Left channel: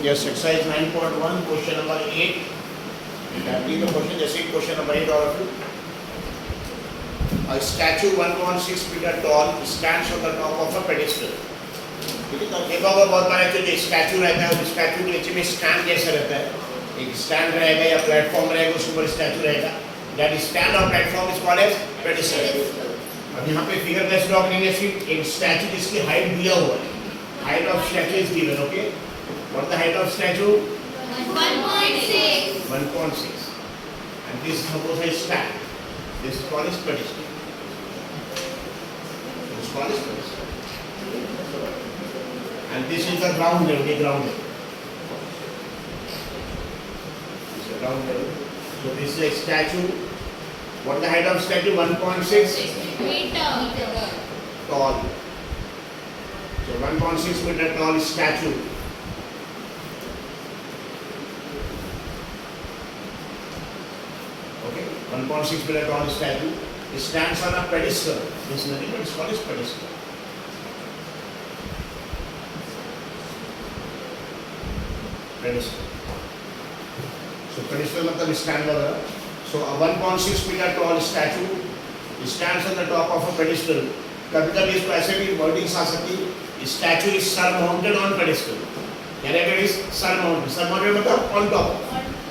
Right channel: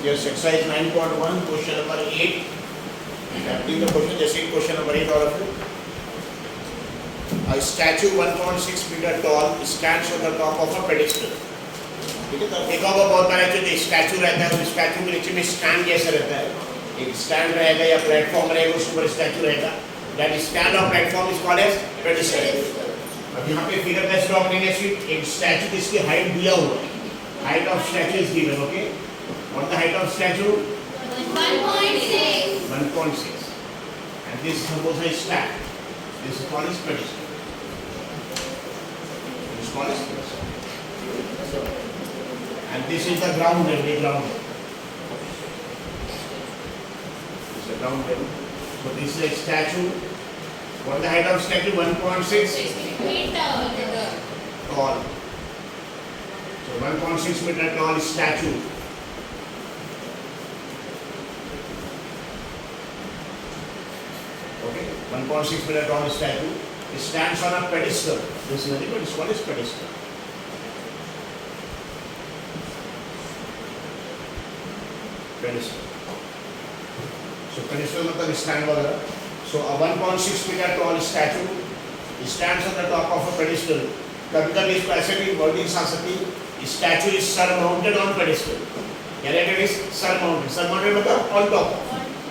Yes, exercise 9.1, question number 8. Read the question, just read question number 8 all of you. A statue 1.6 meter tall stands on the top of a pedestal. ठीक है, तो देखा होगा बहुत बार जो statue रहता है उस स्टैचू के नीचे में स्टैंड जैसा रहता है, एक स्टैंड रहेगा या प्लेटफॉर्म रहेगा, उसके ऊपर स्टैचू रहेगा. दैट स्टैंड और platform is called as pedestal. अब यहाँ पे फिगर बेस्ड ड्रॉ करेंगे. एक स्टैचू जिसकी हाइट दिया हुआ है, height of statue is given. Okay, what the height of statute? 1.6. 1.6. And this is supposed to stand. This is called as pedestal. This is called as pedestal. And this is the ground level. The ground level. This is the ground level. So this is a statue. What is the height of statue? 1.6 meter tall. So 1.6 meter tall statue. Okay, 1.6 meter tall statue. It stands on a pedestal. This is nothing but it's called as pedestal. Pedestal. So pedestal मतलब stand वगैरह. So a 1.6 meter tall statue stands on the top of a pedestal. कभी-कभी इसको ऐसे भी wordings आ सकती है. Statue is surmounted on pedestal. यानी it is surmounted. Surmounted मतलब on top.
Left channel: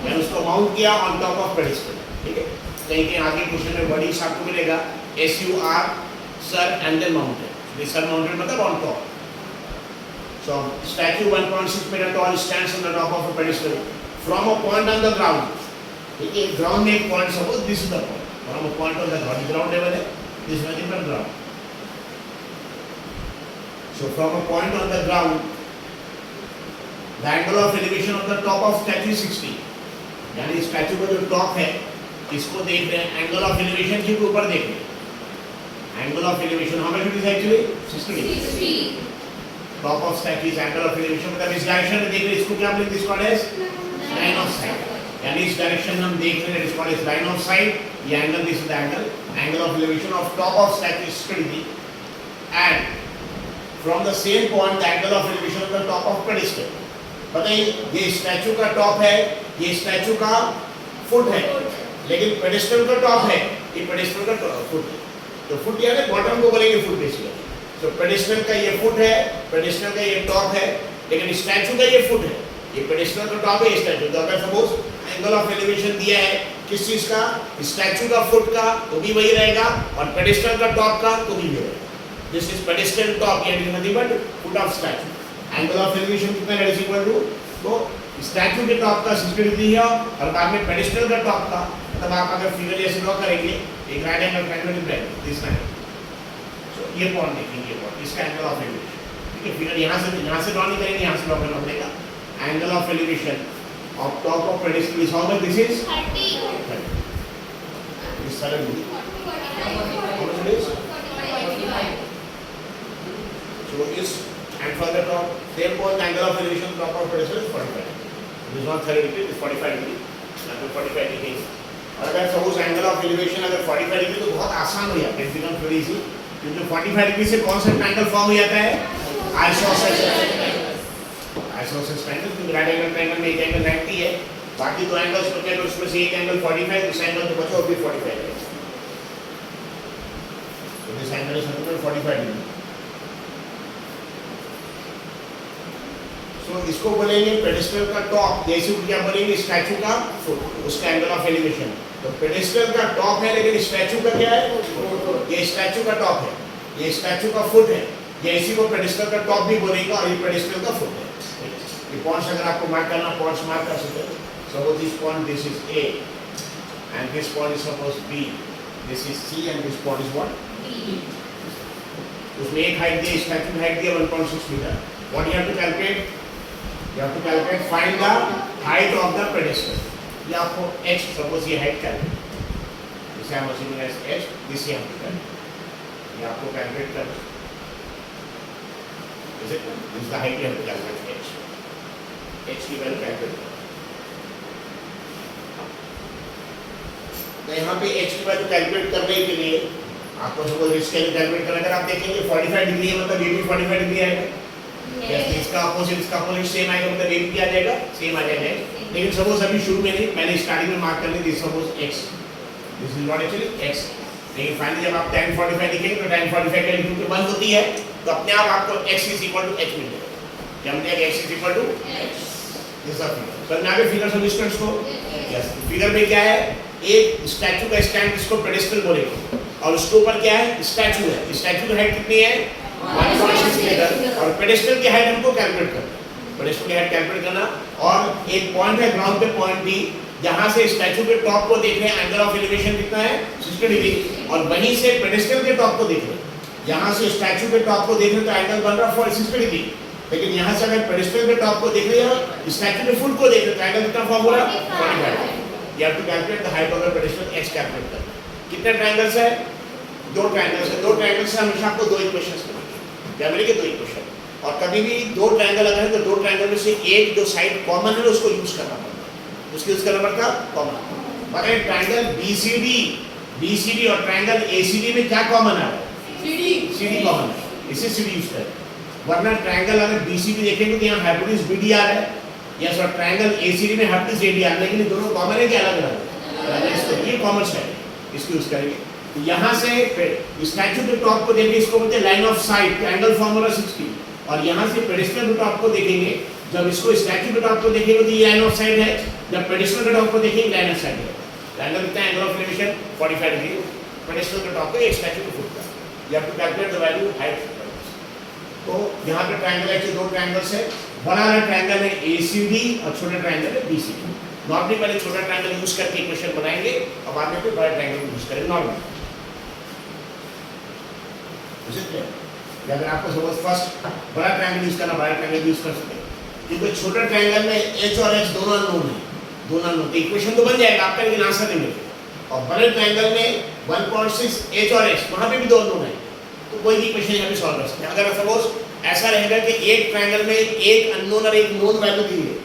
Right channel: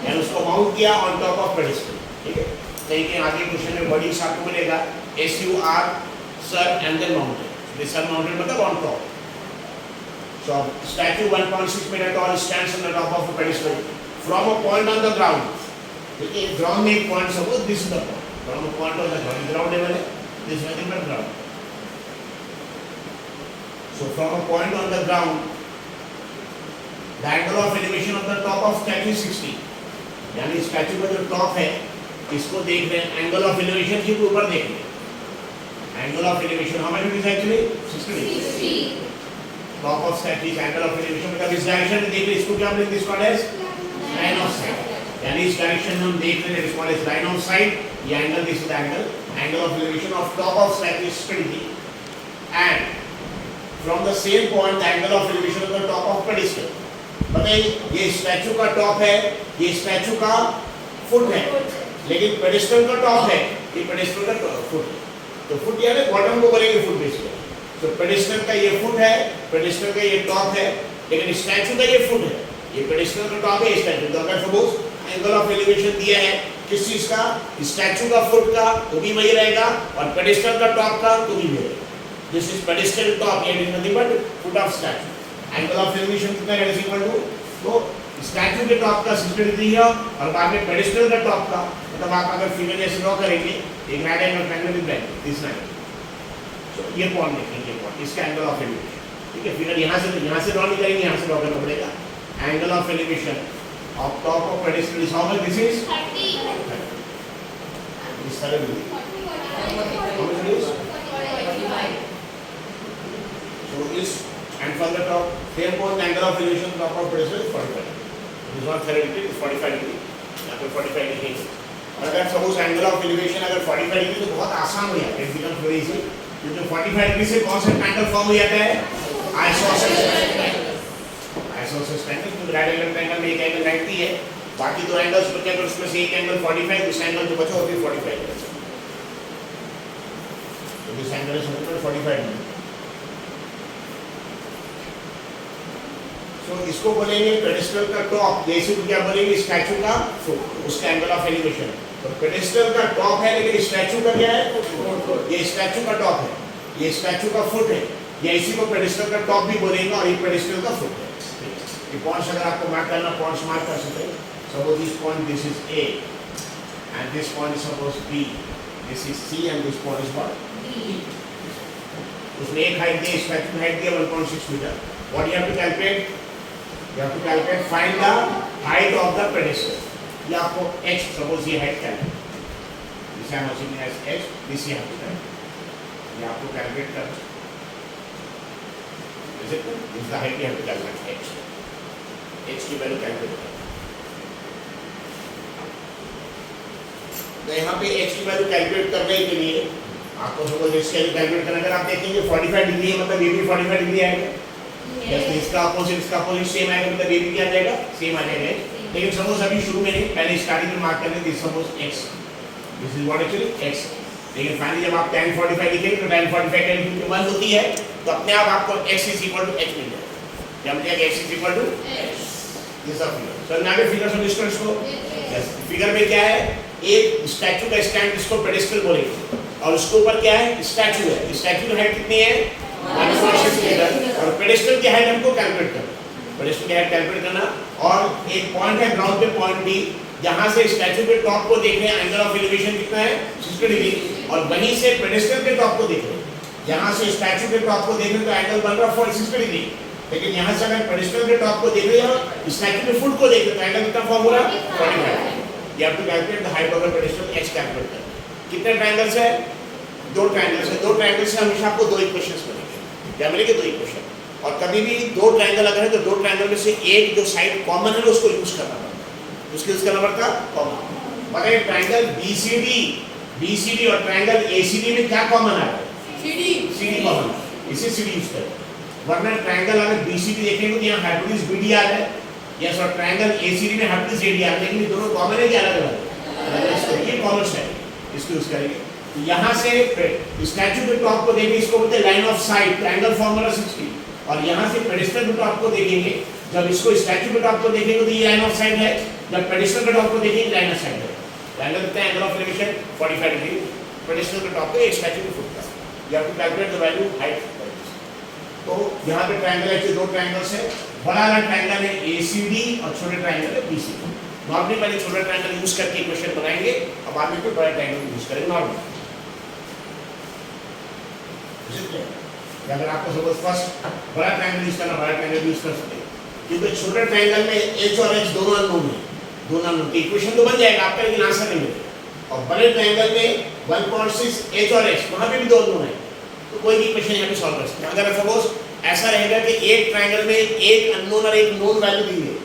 यानी उसको माउंट किया on top of pedestal. ठीक है. कहीं आगे क्वेश्चन में वर्डिंग्स आपको मिलेगा SUR, sir and then mounted. This surmounted मतलब on top. So statue 1.6 meter tall stands on the top of a pedestal from a point on the ground. देखिए ground में एक point, suppose this is the point, from a point on the ground, ground level है, this is the ground. So from a point on the ground the angle of elevation of the top of statue 60. यानी statue का जो top है इसको देख रहे हैं, angle of elevation के ऊपर देख रहे हैं. Angle of elevation how much is actually 60. Top of statue is angle of elevation, मतलब इस डायरेक्शन में देख रहे हैं, इसको क्या बोलेंगे? This called as line of sight. यानी इस डायरेक्शन हम देख रहे हैं, is called as line of sight. ये angle, this is the angle of elevation of top of statue is 60. And from the same point the angle of elevation of the top of pedestal. बताइए ये statue का top है, ये statue का foot है, लेकिन pedestal का top है, ये पेडेस्टल का फुट है. तो फुट यानी बॉटम को बोलेंगे फुट बेसिकली. तो पेडेस्टल का ये फुट है, पेडेस्टल का ये टॉप है, लेकिन स्टैचू का ये फुट है, ये पेडेस्टल का टॉप है, ये स्टैचू. तो अगर सपोज एंगल ऑफ एलिवेशन दिया है किस चीज का, स्टैचू का फुट का, तो भी वही रहेगा, और पेडेस्टल का टॉप का तो भी वही रहेगा. दिस इज पेडेस्टल टॉप, यानी nothing but foot of statute. Angle of elevation कितना है? इज इक्वल टू, तो स्टैचू के टॉप का 60 डिग्री है और बाद में पेडेस्टल का टॉप का, मतलब आप अगर फिगर जैसे ड्रॉ करेंगे एक right angle triangle with right this right. तो ये पॉइंट देखेंगे, ये पॉइंट इसका एंगल ऑफ एलिवेशन. ठीक है, फिगर यहाँ से ड्रॉ नहीं करेंगे, यहाँ से ड्रॉ करना पड़ेगा. Angle of elevation of top of pedestal is how much? This is 30. This 30. How much it is? 45. So this and from the top, same point angle of elevation top of pedestal is 45. This is not 30 degree, it is 45 degree. यहाँ पे 45 degree. और अगर suppose angle of elevation अगर 45 degree तो बहुत आसान हो जाता है. It becomes very easy. क्योंकि 45 degree से कौन सा angle form हो जाता है? Isosceles. आइसोसेलेस ट्रायंगल, क्योंकि राइट एंगल ट्रायंगल में एक एंगल 90 है, बाकी दो एंगल्स बचे हैं, उसमें से एक एंगल 45, इस एंगल जो बचा वो भी 45 है. तो दिस एंगल इज 145 डिग्री. सो इसको बोलेंगे पेडेस्टल का टॉप, जैसे क्या बोलेंगे स्टैचू का फुट, उसका एंगल ऑफ एलिवेशन. तो पेडेस्टल का टॉप है, लेकिन स्टैचू का क्या है? ये स्टैचू का टॉप है, ये स्टैचू का फुट है, ये इसी को पेडेस्टल का टॉप भी बोलेंगे, और ये पेडेस्टल का फुट है. ये पॉइंट्स अगर आपको मार्क करना, पॉइंट्स मार्क कर सकते हैं. Suppose this point, this is A and this point is suppose B, this is C and this point is what? D. उसमें एक हाइट दी, स्टैचू की हाइट दी 1.6 metre. What you have to calculate? You have to calculate find the height of the pedestal. ये आपको h, suppose ये height calculate, this I am assuming as h, this you have to calculate. ये आपको calculate करना है. Is it? This is the height you have to calculate h. H की value calculate करें. तो यहाँ पे h की वैल्यू कैलकुलेट करने के लिए आपको सपोज इसके लिए कैलकुलेट करना, अगर आप देखेंगे 45 डिग्री है, मतलब ये भी 45 डिग्री आएगा. यस, इसका अपोजिट सेम आएगा, मतलब ये भी क्या आ जाएगा, सेम आ जाएगा। लेकिन सपोज अभी शुरू में नहीं, पहले स्टार्टिंग में मार्क करने this suppose x, this is what actually x। लेकिन फाइनली जब आप tan 45 लिखेंगे तो tan 45 का वैल्यू क्योंकि 1 होती है तो अपने आप आपको x is equal to h मिल जाएगा। क्या मिल जाएगा, x is equal to h। This are figure, sir मैं आगे फिगर समझ स्टूडेंट्स को। यस, फिगर में क्या है, एक स्टैचू का स्टैंड, इसको पेडेस्टल बोलेंगे, और उसके ऊपर क्या है, स्टैचू है। स्टैचू की हाइट कितनी है, 1.6 मीटर, और पेडेस्टल की हाइट हमको कैलकुलेट करना, पेडेस्टल की हाइट कैलकुलेट करना। और एक पॉइंट है ग्राउंड पे, पॉइंट बी, जहां से स्टैचू के टॉप को देख रहे हैं, एंगल ऑफ एलिवेशन कितना है, 60 डिग्री, और वहीं से पेडेस्टल के टॉप को देख रहे हैं, यहां से स्टैचू के टॉप को देख रहे हैं तो एंगल बन रहा है 60 डिग्री। लेकिन यहां से अगर पेडेस्टल के टॉप को देख रहे हैं, स्टैचू के फुट को देख रहे हैं तो एंगल कितना फॉर्म हो रहा है, 45। You have to calculate the height of the pedestal, x calculate करना है। कितने ट्रायंगल्स है, दो ट्रायंगल्स है, दो ट्रायंगल्स से हमेशा आपको दो इक्वेशंस मिलेंगे, क्या मिलेंगे, दो इक्वेशन। और कभी भी दो ट्रायंगल अगर है तो दो ट्रायंगल में से एक जो साइड कॉमन है उसको यूज करना पड़ता है, उसको यूज करना पड़ता है कॉमन। मगर ट्रायंगल BCD और ट्रायंगल ACD में क्या कॉमन आ रहा है, CD कॉमन है, इसे CD यूज करें। वरना ट्रायंगल अगर BCD देखेंगे तो यहाँ हाइपोटेन्यूज BD आ रहा है, या सर ट्रायंगल ACD में हाइपोटेन्यूज AD आ रहा है, लेकिन ये दोनों कॉमन है कि अलग अलग, इसको ये कॉमन है, इसको यूज करेंगे। तो यहाँ से स्टैचू के टॉप को देखेंगे, इसको बोलते हैं line of site, triangle formula 60, और यहाँ से पेडेस्टल के टॉप को देखेंगे, जब इसको स्टैचू के टॉप को देखेंगे तो ये लाइन ऑफ साइट है, जब पेडेस्टल के टॉप को देखेंगे लाइन ऑफ साइट है। ट्रायंगल कितना है, angle of elevation 45 degree, pedestal के टॉप को एक स्टैचू के फुट का, you have to calculate the value height. तो यहाँ पे ट्रायंगल है, दो ट्रायंगल्स है, बड़ा वाला ट्रायंगल है ACD और छोटे ट्रायंगल है BCD। नॉर्मली पहले छोटा ट्रायंगल यूज करके इक्वेशन बनाएंगे, अब बाद में फिर बड़ा ट्रायंगल यूज करेंगे नॉर्मली। अगर आपको सपोज फर्स्ट बड़ा ट्रायंगल यूज करना, बड़ा ट्रायंगल यूज कर सकते हैं, क्योंकि छोटे ट्रायंगल में h और h दोनों अननोन है, दोनों अननोन, तो इक्वेशन तो बन जाएगा आपका, लेकिन आंसर नहीं मिलेगा। और बड़े ट्रायंगल में 1.6 h और h, वहां पे भी दो अननोन है, तो कोई भी इक्वेशन यहाँ पे सॉल्व कर सकते हैं। अगर सपोज ऐसा रहेगा कि एक ट्रायंगल में एक अननोन और एक नोन वैल्यू दी है,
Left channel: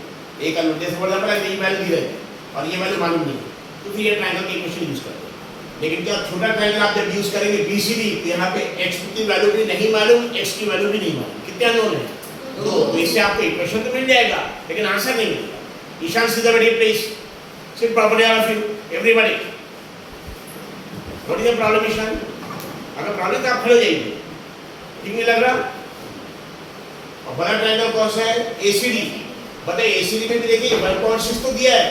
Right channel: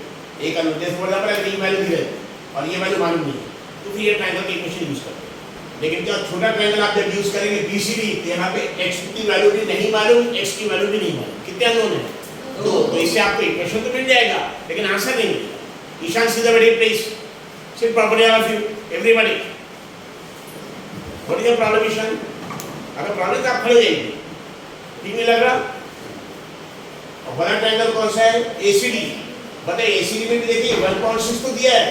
एक अननोन, जैसे फॉर एग्जांपल ये वैल्यू दी है और ये वैल्यू मालूम नहीं है, तो फिर ये ट्रायंगल की इक्वेशन यूज करते हैं। लेकिन क्या छोटा ट्रायंगल आप जब यूज करेंगे BCD, तो यहाँ पे x की वैल्यू भी नहीं मालूम, x की वैल्यू भी नहीं मालूम, कितने अननोन है, दो, तो इससे आपको इक्वेशन तो मिल जाएगा लेकिन आंसर नहीं मिलेगा। Ishaan see the very please sit properly of you everybody, what is the problem Ishaan? अगर प्रॉब्लम तो आप खड़े हो जाइए, ठीक नहीं लग रहा? और बड़ा ट्रायंगल कौन सा है, ACD। बताइए ACD में भी देखिए 1.6 तो दिया है,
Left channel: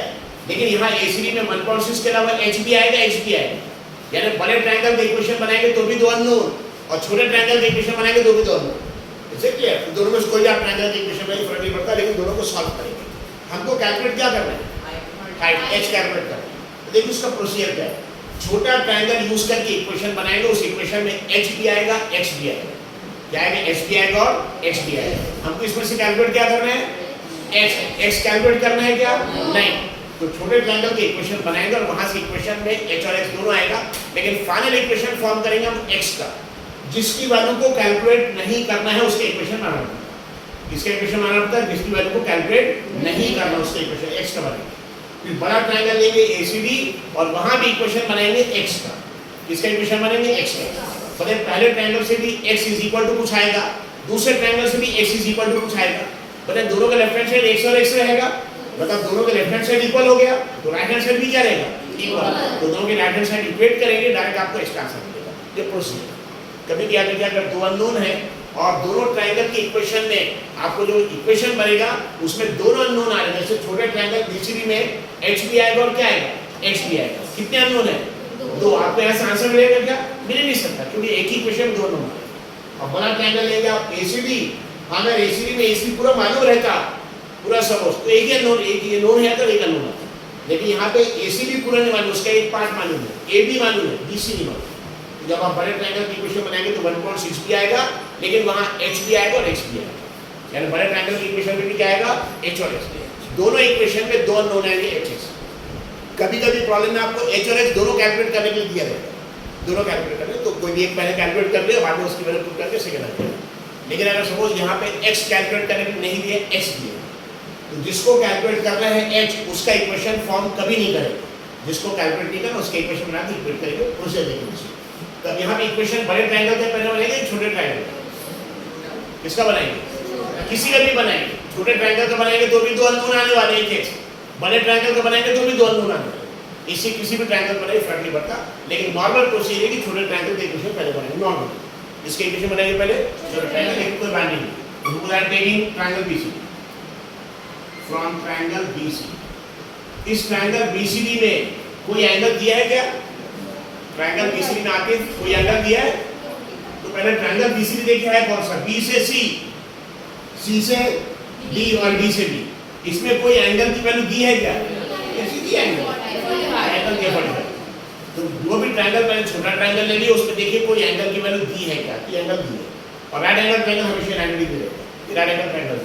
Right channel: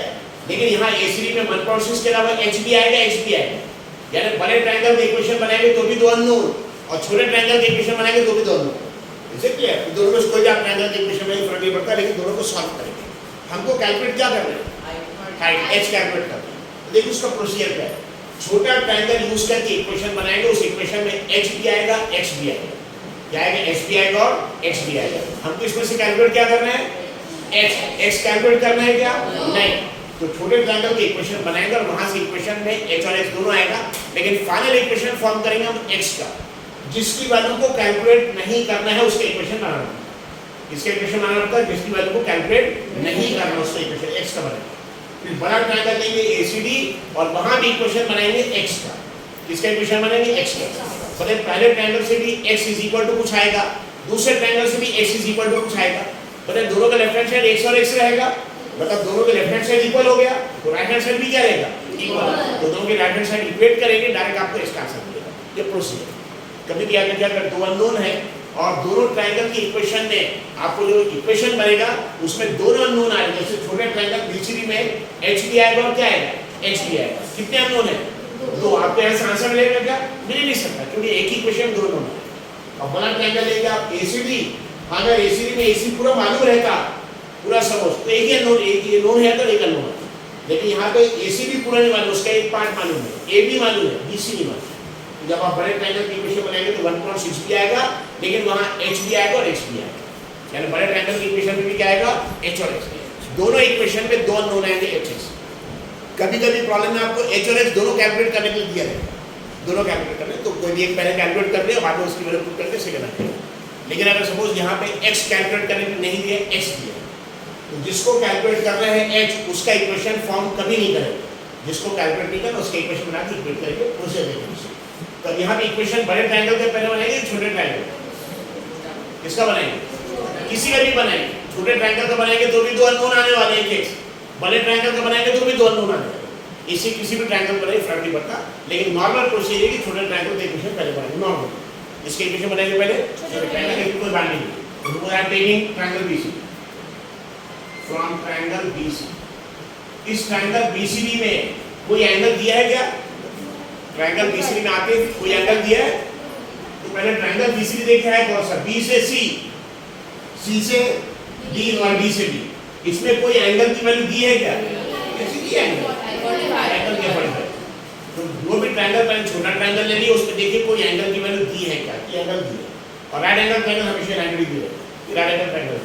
लेकिन यहाँ ACD में 1.6 के अलावा h भी आएगा, x भी आएगा, यानी बड़े ट्रायंगल के इक्वेशन बनाएंगे तो भी दो अननोन, और छोटे ट्रायंगल के इक्वेशन बनाएंगे तो भी दो अननोन। इसे क्लियर? तो दोनों में कोई आप ट्रायंगल के इक्वेशन में फर्क नहीं पड़ता, लेकिन दोनों को सॉल्व करेंगे। हमको कैलकुलेट क्या करना है, हाइट h कैलकुलेट करना है। तो देखिए उसका प्रोसीजर क्या है, छोटा ट्रायंगल यूज करके इक्वेशन बनाएंगे, उस इक्वेशन में h भी आएगा, x भी आएगा, क्या आएगा, h भी आएगा और x भी आएगा। हमको इसमें से कैलकुलेट क्या करना है, x कैलकुलेट करना है क्या, नहीं। तो छोटे ट्रायंगल के इक्वेशन बनाएंगे और वहां से इक्वेशन में h और x दोनों आएगा, लेकिन फाइनल इक्वेशन फॉर्म करेंगे हम x का, जिसकी वैल्यू को कैलकुलेट नहीं करना है उसके इक्वेशन बनाना पड़ता है। इसके इक्वेशन बनाना पड़ता है, जिसकी वैल्यू को कैलकुलेट नहीं करना उसका इक्वेशन x का बनाएंगे। फिर बड़ा ट्रायंगल लेंगे ACD और वहां भी इक्वेशन बनाएंगे x का, किसका इक्वेशन बनाएंगे, x का। मतलब पहले ट्रायंगल से भी x इज इक्वल टू कुछ आएगा, दूसरे ट्रायंगल से भी x इज इक्वल टू कुछ आएगा, मतलब दोनों का लेफ्ट हैंड साइड x और x रहेगा, मतलब दोनों के लेफ्ट हैंड साइड इक्वल हो गया, तो राइट हैंड साइड भी क्या रहेगा, इक्वल। तो दोनों के राइट हैंड साइड इक्वेट करेंगे, डायरेक्ट आपको इसका आंसर मिलेगा। ये प्रोसीजर। कभी क्या करके अगर दो अननोन है और दोनों ट्रायंगल की इक्वेशन में आपको जो इक्वेशन बनेगा उसमें दोनों अननोन आएंगे, जैसे छोटे ट्रायंगल BCD में h भी आएगा और क्या आएगा, x भी आएगा। कितने अननोन है, दो। आपको यहाँ से आंसर मिलेगा क्या, मिल ही नहीं सकता, क्योंकि एक ही इक्वेशन में दो अननोन आएगा। अब बड़ा ट्रायंगल लेंगे आप ACD, अगर ACD में AC पूरा मालूम रहता, पूरा सपोज, तो एक ही अननोन, एक ही नोन है तो एक अननोन है, लेकिन यहाँ पे ACD पूरा नहीं मालूम, उसका एक पार्ट मालूम है, A भी मालूम है, BC नहीं मालूम। तो जब आप बड़े ट्रायंगल की इक्वेशन बनाएंगे तो 1.6 भी आएगा, लेकिन वहाँ h भी आएगा और x भी आएगा, यानी बड़े ट्रायंगल की इक्वेशन में भी क्या आएगा, h और x। दोनों इक्वेशन में दो अननोन आएंगे h x। कभी कभी प्रॉब्लम में आपको h और x दोनों कैलकुलेट करने के लिए दिया जाएगा, दोनों कैलकुलेट करने, तो कोई भी एक पहले कैलकुलेट कर लिया, बाद में उसकी वैल्यू पुट करके सेकंड आ जाएगा। लेकिन अगर सपोज यहाँ पे x कैलकुलेट करने के लिए नहीं दिया, x दिया, तो जिसको कैलकुलेट करना है h, उसका इक्वेशन फॉर्म कभी नहीं करेंगे, जिसको कैलकुलेट नहीं करना उसका इक्वेशन बना के इक्वेट करेंगे, उसे देखेंगे। तो अब यहाँ पे इक्वेशन बड़े ट्रायंगल के पहले बनाएंगे, छोटे ट्रायंगल किसका बनाएंगे, किसी का भी बनाएंगे, छोटे ट्रायंगल का बनाएंगे तो भी दो अननोन आने वाले हैं केस, बड़े ट्रायंगल का बनाएंगे तो भी दो अननोन आने वाले। इसी किसी भी ट्रायंगल बनाए फर्क नहीं पड़ता, लेकिन नॉर्मल प्रोसीजर है कि छोटे ट्रायंगल के इक्वेशन पहले बनाएंगे नॉर्मल। इसके इक्वेशन बनाएंगे पहले छोटे ट्रायंगल, लेकिन कोई बाइंडिंग नहीं। Suppose I am taking triangle BCD. From triangle BCD. इस ट्रायंगल BCD में कोई एंगल दिया है क्या? ट्रायंगल BCD में आके कोई एंगल दिया है? तो पहले ट्रायंगल BCD देखे है कौन सा? B से C, C से D और D से B। इसमें कोई एंगल की वैल्यू दी है क्या? कैसी दी एंगल? एंगल के 45। तो जो भी ट्रायंगल पहले छोटा ट्रायंगल ले लिया, उसमें देखिए कोई एंगल की वैल्यू दी है क्या? कि एंगल दी है। और राइट एंगल ट्रायंगल हमेशा 90 डिग्री रहेगा। राइट एंगल ट्रायंगल,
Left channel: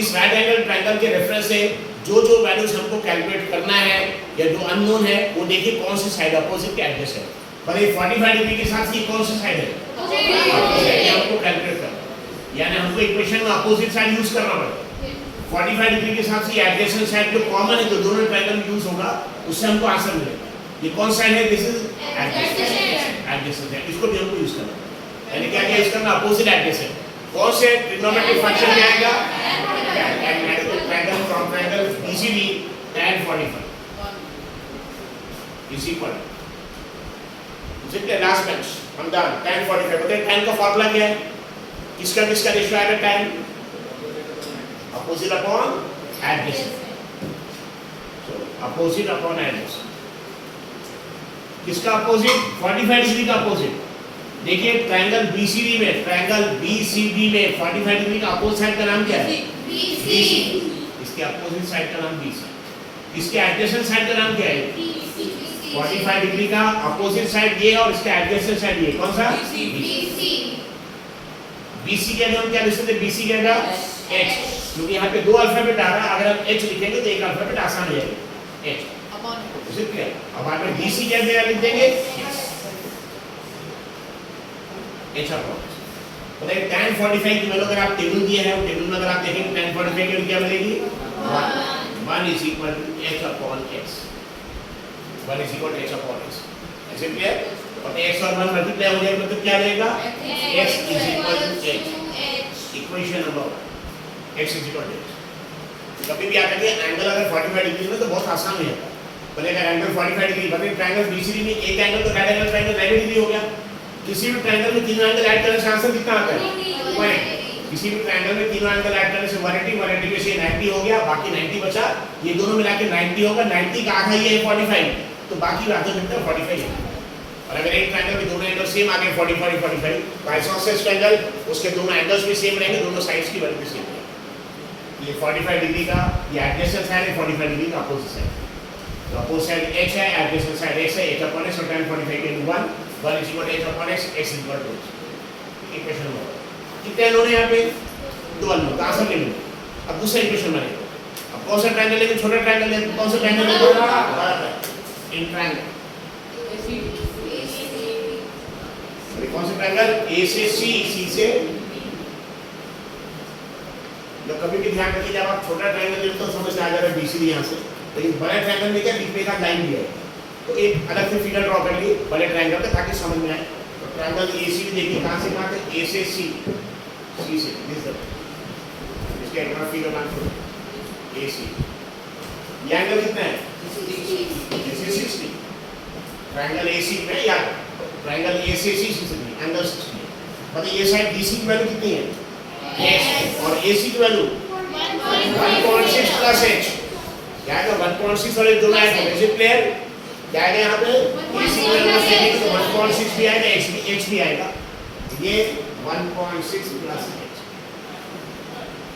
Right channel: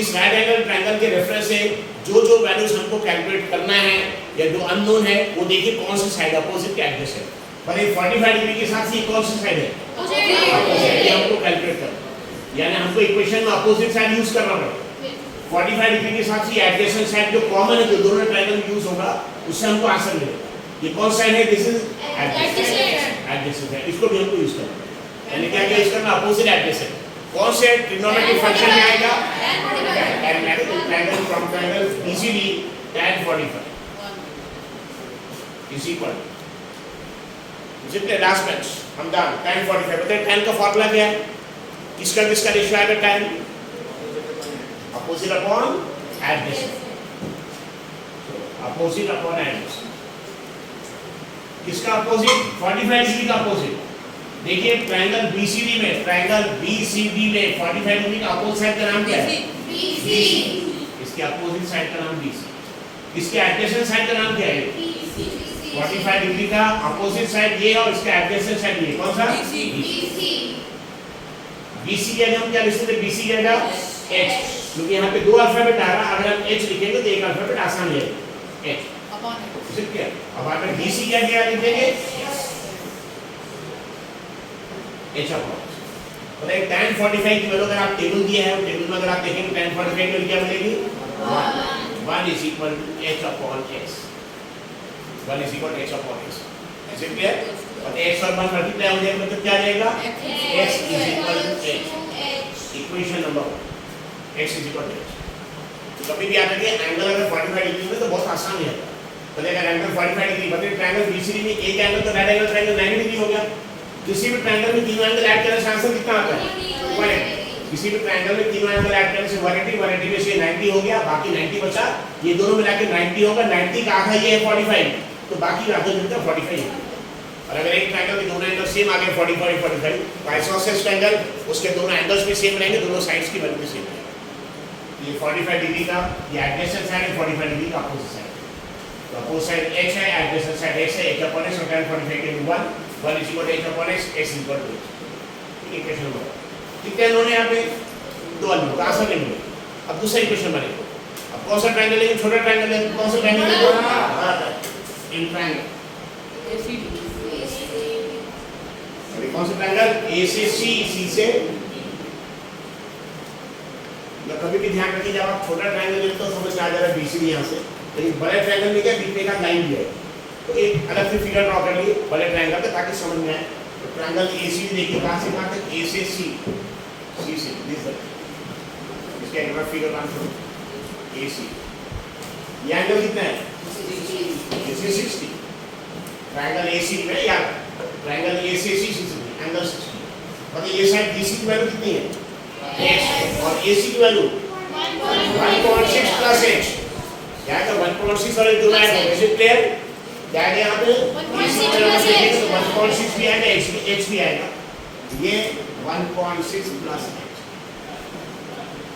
इस राइट एंगल ट्रायंगल के रेफरेंस से जो जो वैल्यूज हमको कैलकुलेट करना है या जो अननोन है वो देखिए कौन सी साइड अपोजिट के एडजस्ट है। पर ये 45 डिग्री के साथ ही कौन सी साइड है? ये हमको कैलकुलेट करना, यानी हमको इक्वेशन में अपोजिट साइड यूज करना पड़ेगा। 45 डिग्री के साथ ही एडजेसेंट साइड जो कॉमन है, जो दोनों ट्रायंगल में यूज होगा, उससे हमको आंसर मिलेगा। ये कौन साइड है? This is adjacent side. इसको भी हमको यूज करना है, यानी क्या यूज करना? Opposite adjacent. कौन से ट्रिग्नोमेट्रिक फंक्शन में आएगा? Triangle from triangle BCD tan 45 is equal जितने लास्ट बेंच हम डन tan 45। बताइए tan का फार्मूला क्या है? किसका किसका रेशियो आएगा? tan opposite upon adjacent. सो अपोजिट अपॉन एडजेसेंट, किसका अपोजिट? 45 डिग्री का अपोजिट। देखिए ट्रायंगल BCD में, ट्रायंगल BCD में 45 डिग्री का अपोजिट साइड का नाम क्या है? BC। इसके अपोजिट साइड का नाम BC। इसके एडजेसेंट साइड का नाम क्या है? 45 डिग्री का अपोजिट साइड ये और इसका एडजेसेंट साइड ये कौन सा? BC के हम क्या लिख सकते हैं? BC के जगह H, क्योंकि यहाँ पे दो अल्फाबेट आ रहा है। अगर हम H लिखेंगे तो एक अल्फाबेट आसान हो जाएगा H। ठीक है, अब आप BC क्या क्या लिख देंगे? H upon. बताइए tan 45 की वैल्यू अगर आप टेबल दिया है, टेबल में अगर आप देखेंगे tan 45 की वैल्यू क्या मिलेगी? 1 is equal to H upon X। 1 is equal to H upon X। ऐसे क्लियर? और X और 1 मल्टीप्लाई हो जाएगा तो क्या रहेगा? X is equal to H। Equation number 1, X is equal to H। तो कभी भी आता है एंगल अगर 45 डिग्री में तो बहुत आसान हो जाता है। बताइए अगर एंगल 45 डिग्री, बताइए ट्रायंगल BCD में एक एंगल तो राइट एंगल ट्रायंगल 90 डिग्री हो गया। किसी भी ट्रायंगल में तीन एंगल ऐड करने से आंसर कितना आता है? 180। किसी भी ट्रायंगल में तीन एंगल ऐड करने से 180 में से 90 हो गया, बाकी 90 बचा। ये दोनों मिला के 90 होगा। 90 का आधा ये है 45, तो बाकी आधा मिलता है 45। और अगर एक ट्रायंगल के दोनों एंगल सेम आ गए 45 तो आइसोसेलेस ट्रायंगल उसके दोनों एंगल्स भी सेम रहेंगे, दोनों साइड्स की वैल्यू भी सेम रहेगी। ये 45 डिग्री का ये एडजेसेंट साइड है, 45 डिग्री का अपोजिट साइड। तो अपोजिट साइड H है, एडजेसेंट साइड X है। H अपॉन X और tan 45 के 1 is equal to H upon X, X is equal to H। Equation number कितने अननोन है यहाँ पे? दो अननोन, आंसर नहीं मिले। अब दूसरा इक्वेशन बनेगा। अब कौन सा ट्रायंगल लेंगे? छोटा ट्रायंगल लेंगे। कौन सा ट्रायंगल लेंगे? In triangle. कौन सा ट्रायंगल? A से C, C से या कभी भी ध्यान रखिए जब आप छोटा ट्रायंगल लेते हो समझ में आ जा रहा है BCD यहाँ से, लेकिन बड़े ट्रायंगल में क्या बीच में एक लाइन दिया है, तो एक अलग से फिगर ड्रॉ कर लिए बड़े ट्रायंगल का ताकि समझ में आए। तो ट्रायंगल AC देखिए कहाँ से कहाँ तक? A से C, C से इसके एक बार फिगर बना दो AC। ये एंगल कितना है? 60। ट्रायंगल AC में या ट्रायंगल A से C 60 एंगल 60। बताइए ये साइड BC की वैल्यू कितनी है? X और AC की वैल्यू 1.6 प्लस H। क्या है? 1.6 और दोनों ऐड होंगे। Is it clear? क्या है यहाँ पे? AC की वैल्यू देखेंगे तो 1.6 भी आएगा, H भी आएगा। ये 1.6 प्लस H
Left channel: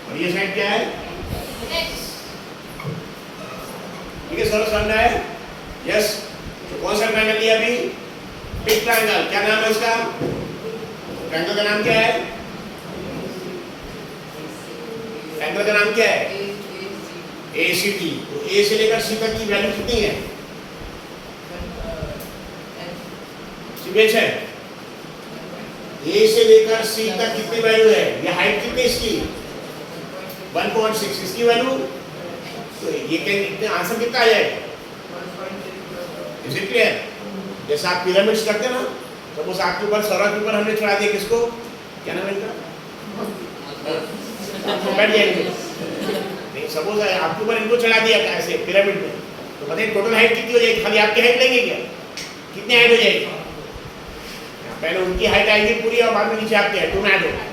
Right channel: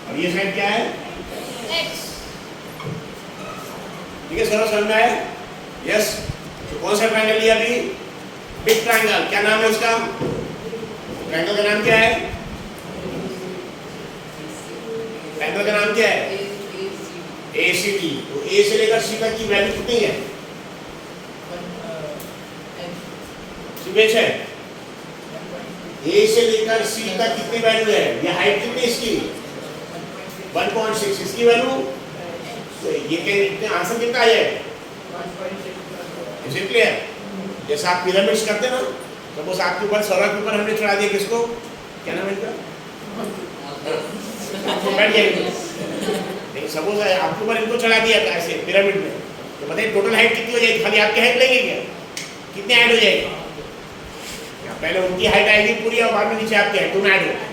और ये साइड क्या है? X। ठीक है, समझ में आया? यस। तो कौन सा ट्रायंगल लिया अभी? Big triangle. क्या नाम है उसका? ट्रायंगल का नाम क्या है? ट्रायंगल का नाम क्या है? ACD। तो A से लेकर C तक की वैल्यू कितनी है? है A से लेकर C तक कितनी वैल्यू है? ये हाइट कितनी इसकी? 1.6। इसकी वैल्यू तो ये आंसर कितना आ जाएगा? Is it clear? जैसे आप पिरामिड्स करते हैं ना, तो बस आपके ऊपर सौरा के ऊपर हमने चढ़ा दिया किसको? क्या नाम है इनका? आपको बैठ जाएंगे। नहीं सपोज आपके ऊपर इनको चला दिया ऐसे पिरामिड में, तो बताइए टोटल हाइट कितनी हो जाएगी? खाली आपकी हाइट लेंगे क्या? कितनी हाइट हो जाएगी? पहले उनकी हाइट आएगी पूरी और बाद में नीचे आपकी हाइट, दोनों ऐड होगा।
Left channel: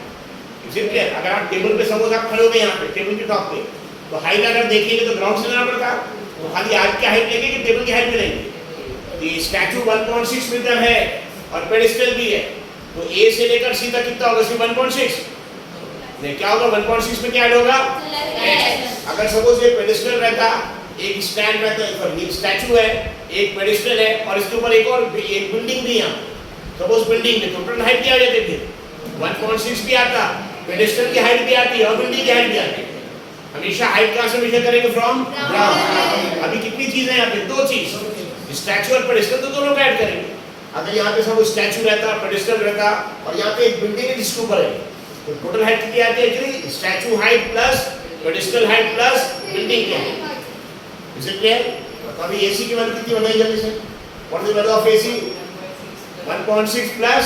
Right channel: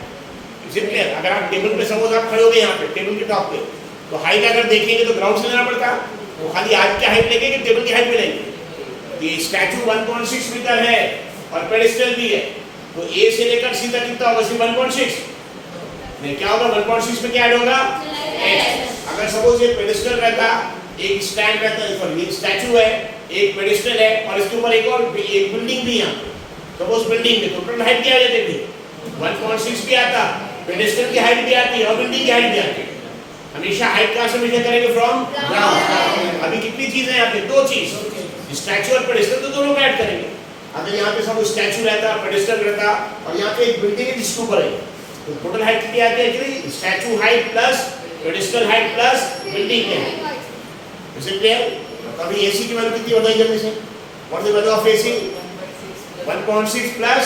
इसे क्लियर? अगर आप टेबल पे सपोज आप खड़े हो गए यहाँ पे टेबल के टॉप पे, तो हाइट अगर देखेंगे तो ग्राउंड से लेना पड़ता, तो खाली आपकी हाइट लेंगे कि टेबल की हाइट में लेंगे? ये स्टैचू 1.6 मीटर है और पेडिस्टल भी है, तो ए से लेकर सी तक कितना होगा? सिर्फ 1.6 नहीं, क्या होगा? 1.6 में क्या ऐड होगा? अगर सपोज ये पेडिस्टल रहता, एक स्टैंड रहता, सॉरी ये स्टैचू है, एक पेडिस्टल है और इसके ऊपर एक और एक बिल्डिंग भी है, सपोज बिल्डिंग में टोटल हाइट क्या हो जाती थी? 1.6 भी आता, पेडिस्टल की हाइट भी आती और बिल्डिंग की हाइट भी आती। हमेशा हाइट कहां से मेजर करेंगे? From ground. अभी कितनी चीजें हैं यहाँ पे? दो चीज, स्टैचू और पेडिस्टल, तो दोनों का ऐड करेंगे। अगर यहाँ पे सब स्टैचू रहता, पेडिस्टल रहता और यहाँ पे एक बिल्डिंग है जिसके ऊपर है, तो टोटल हाइट कितनी आती है? Actually statue height plus pedestal height plus building की हाइट। Is it clear? तो अभी एसी की वैल्यू कितनी हो गई जल्दी से? What is the value of AC? 1.6 plus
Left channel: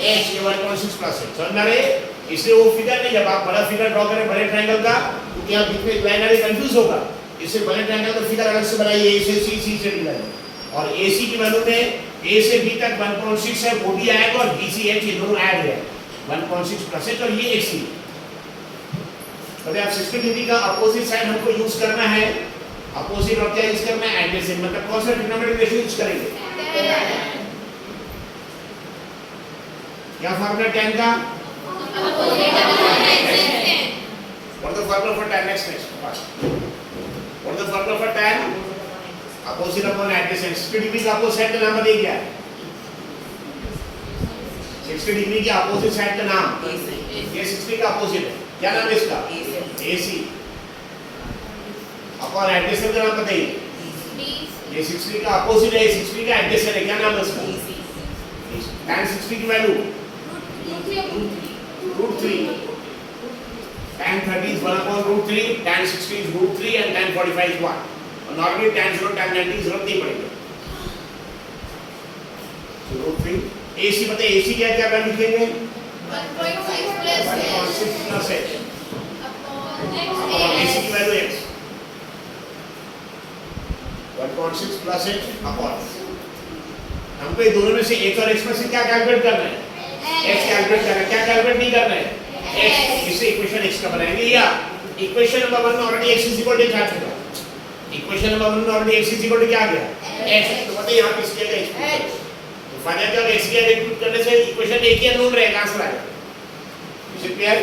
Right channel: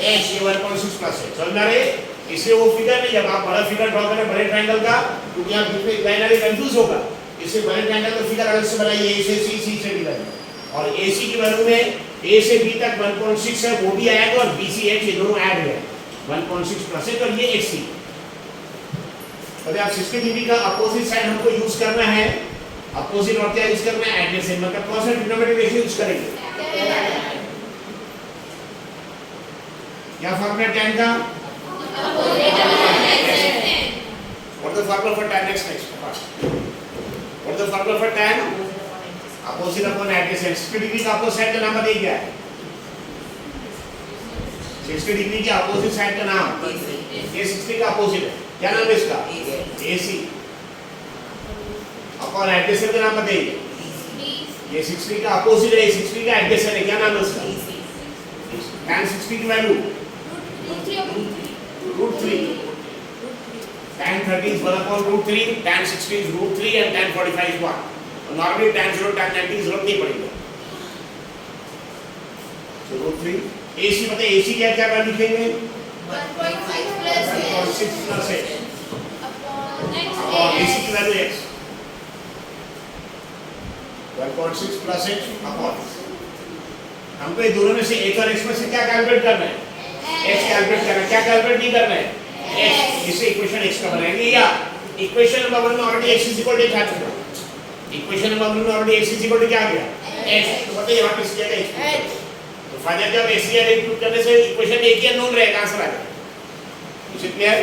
h, ये 1.6 प्लस है। समझ में आ रही है? इससे वो फिगर नहीं, जब आप बड़ा फिगर ड्रॉ करें बड़े ट्रायंगल का, क्योंकि यहाँ बीच में लाइन आ रही, कंफ्यूज होगा। इससे बड़े ट्रायंगल का फिगर अलग से बनाइए, ए से सी, सी से डी लाइन, और एसी की वैल्यू में ए से बी तक 1.6 है, वो भी आएगा, और बी सी एच ये दोनों ऐड है 1.6 प्लस है, और ये एक सी। तो आप 60 डिग्री का अपोजिट साइड हमको यूज करना है, अपोजिट और क्या यूज करना है? एडजेसेंट। मतलब कौन सा ट्रिग्नोमेट्रिक रेशियो यूज करेंगे? क्या फॉर्मूला tan का? What is the formula for tan? Next. What is the formula for tan? Opposite upon adjacent. 60 degree का अपोजिट साइड का नाम बताइए क्या है? 60 डिग्री के अपोजिट साइड का नाम? ये 60 का अपोजिट है, क्या नाम है इसका? AC। अपॉन एडजेसेंट का नाम बताइए। ये 60 का अपोजिट है, 60 का एडजेसेंट है, क्या नाम है उसका? tan 60 की value √3, tan 30 is 1 upon √3, tan 60 is √3 and tan 45 is 1. और नॉर्मली tan 0 tan 90 जरूरत नहीं पड़ेगी, तो √3। AC बताइए, AC क्या क्या वैल्यू लिखेंगे? 1.6 प्लस h अपॉन AC की value x, 1.6 plus h upon. हमको ये दोनों में से एक और x में से क्या कैलकुलेट करना है? x कैलकुलेट करना है। क्या कैलकुलेट नहीं करना है? x। इससे इक्वेशन x का बनाएंगे, या इक्वेशन नंबर 1 में already x is equal to आ चुका, इक्वेशन नंबर 1 में already x is equal to क्या आ गया? x। तो बताइए यहाँ पे इसके लिए x, तो फायदा क्या होगा? x के लिए इनपुट करने से इक्वेशन एक ही अननोन रहेगा, आंसर आएगा। Is it clear?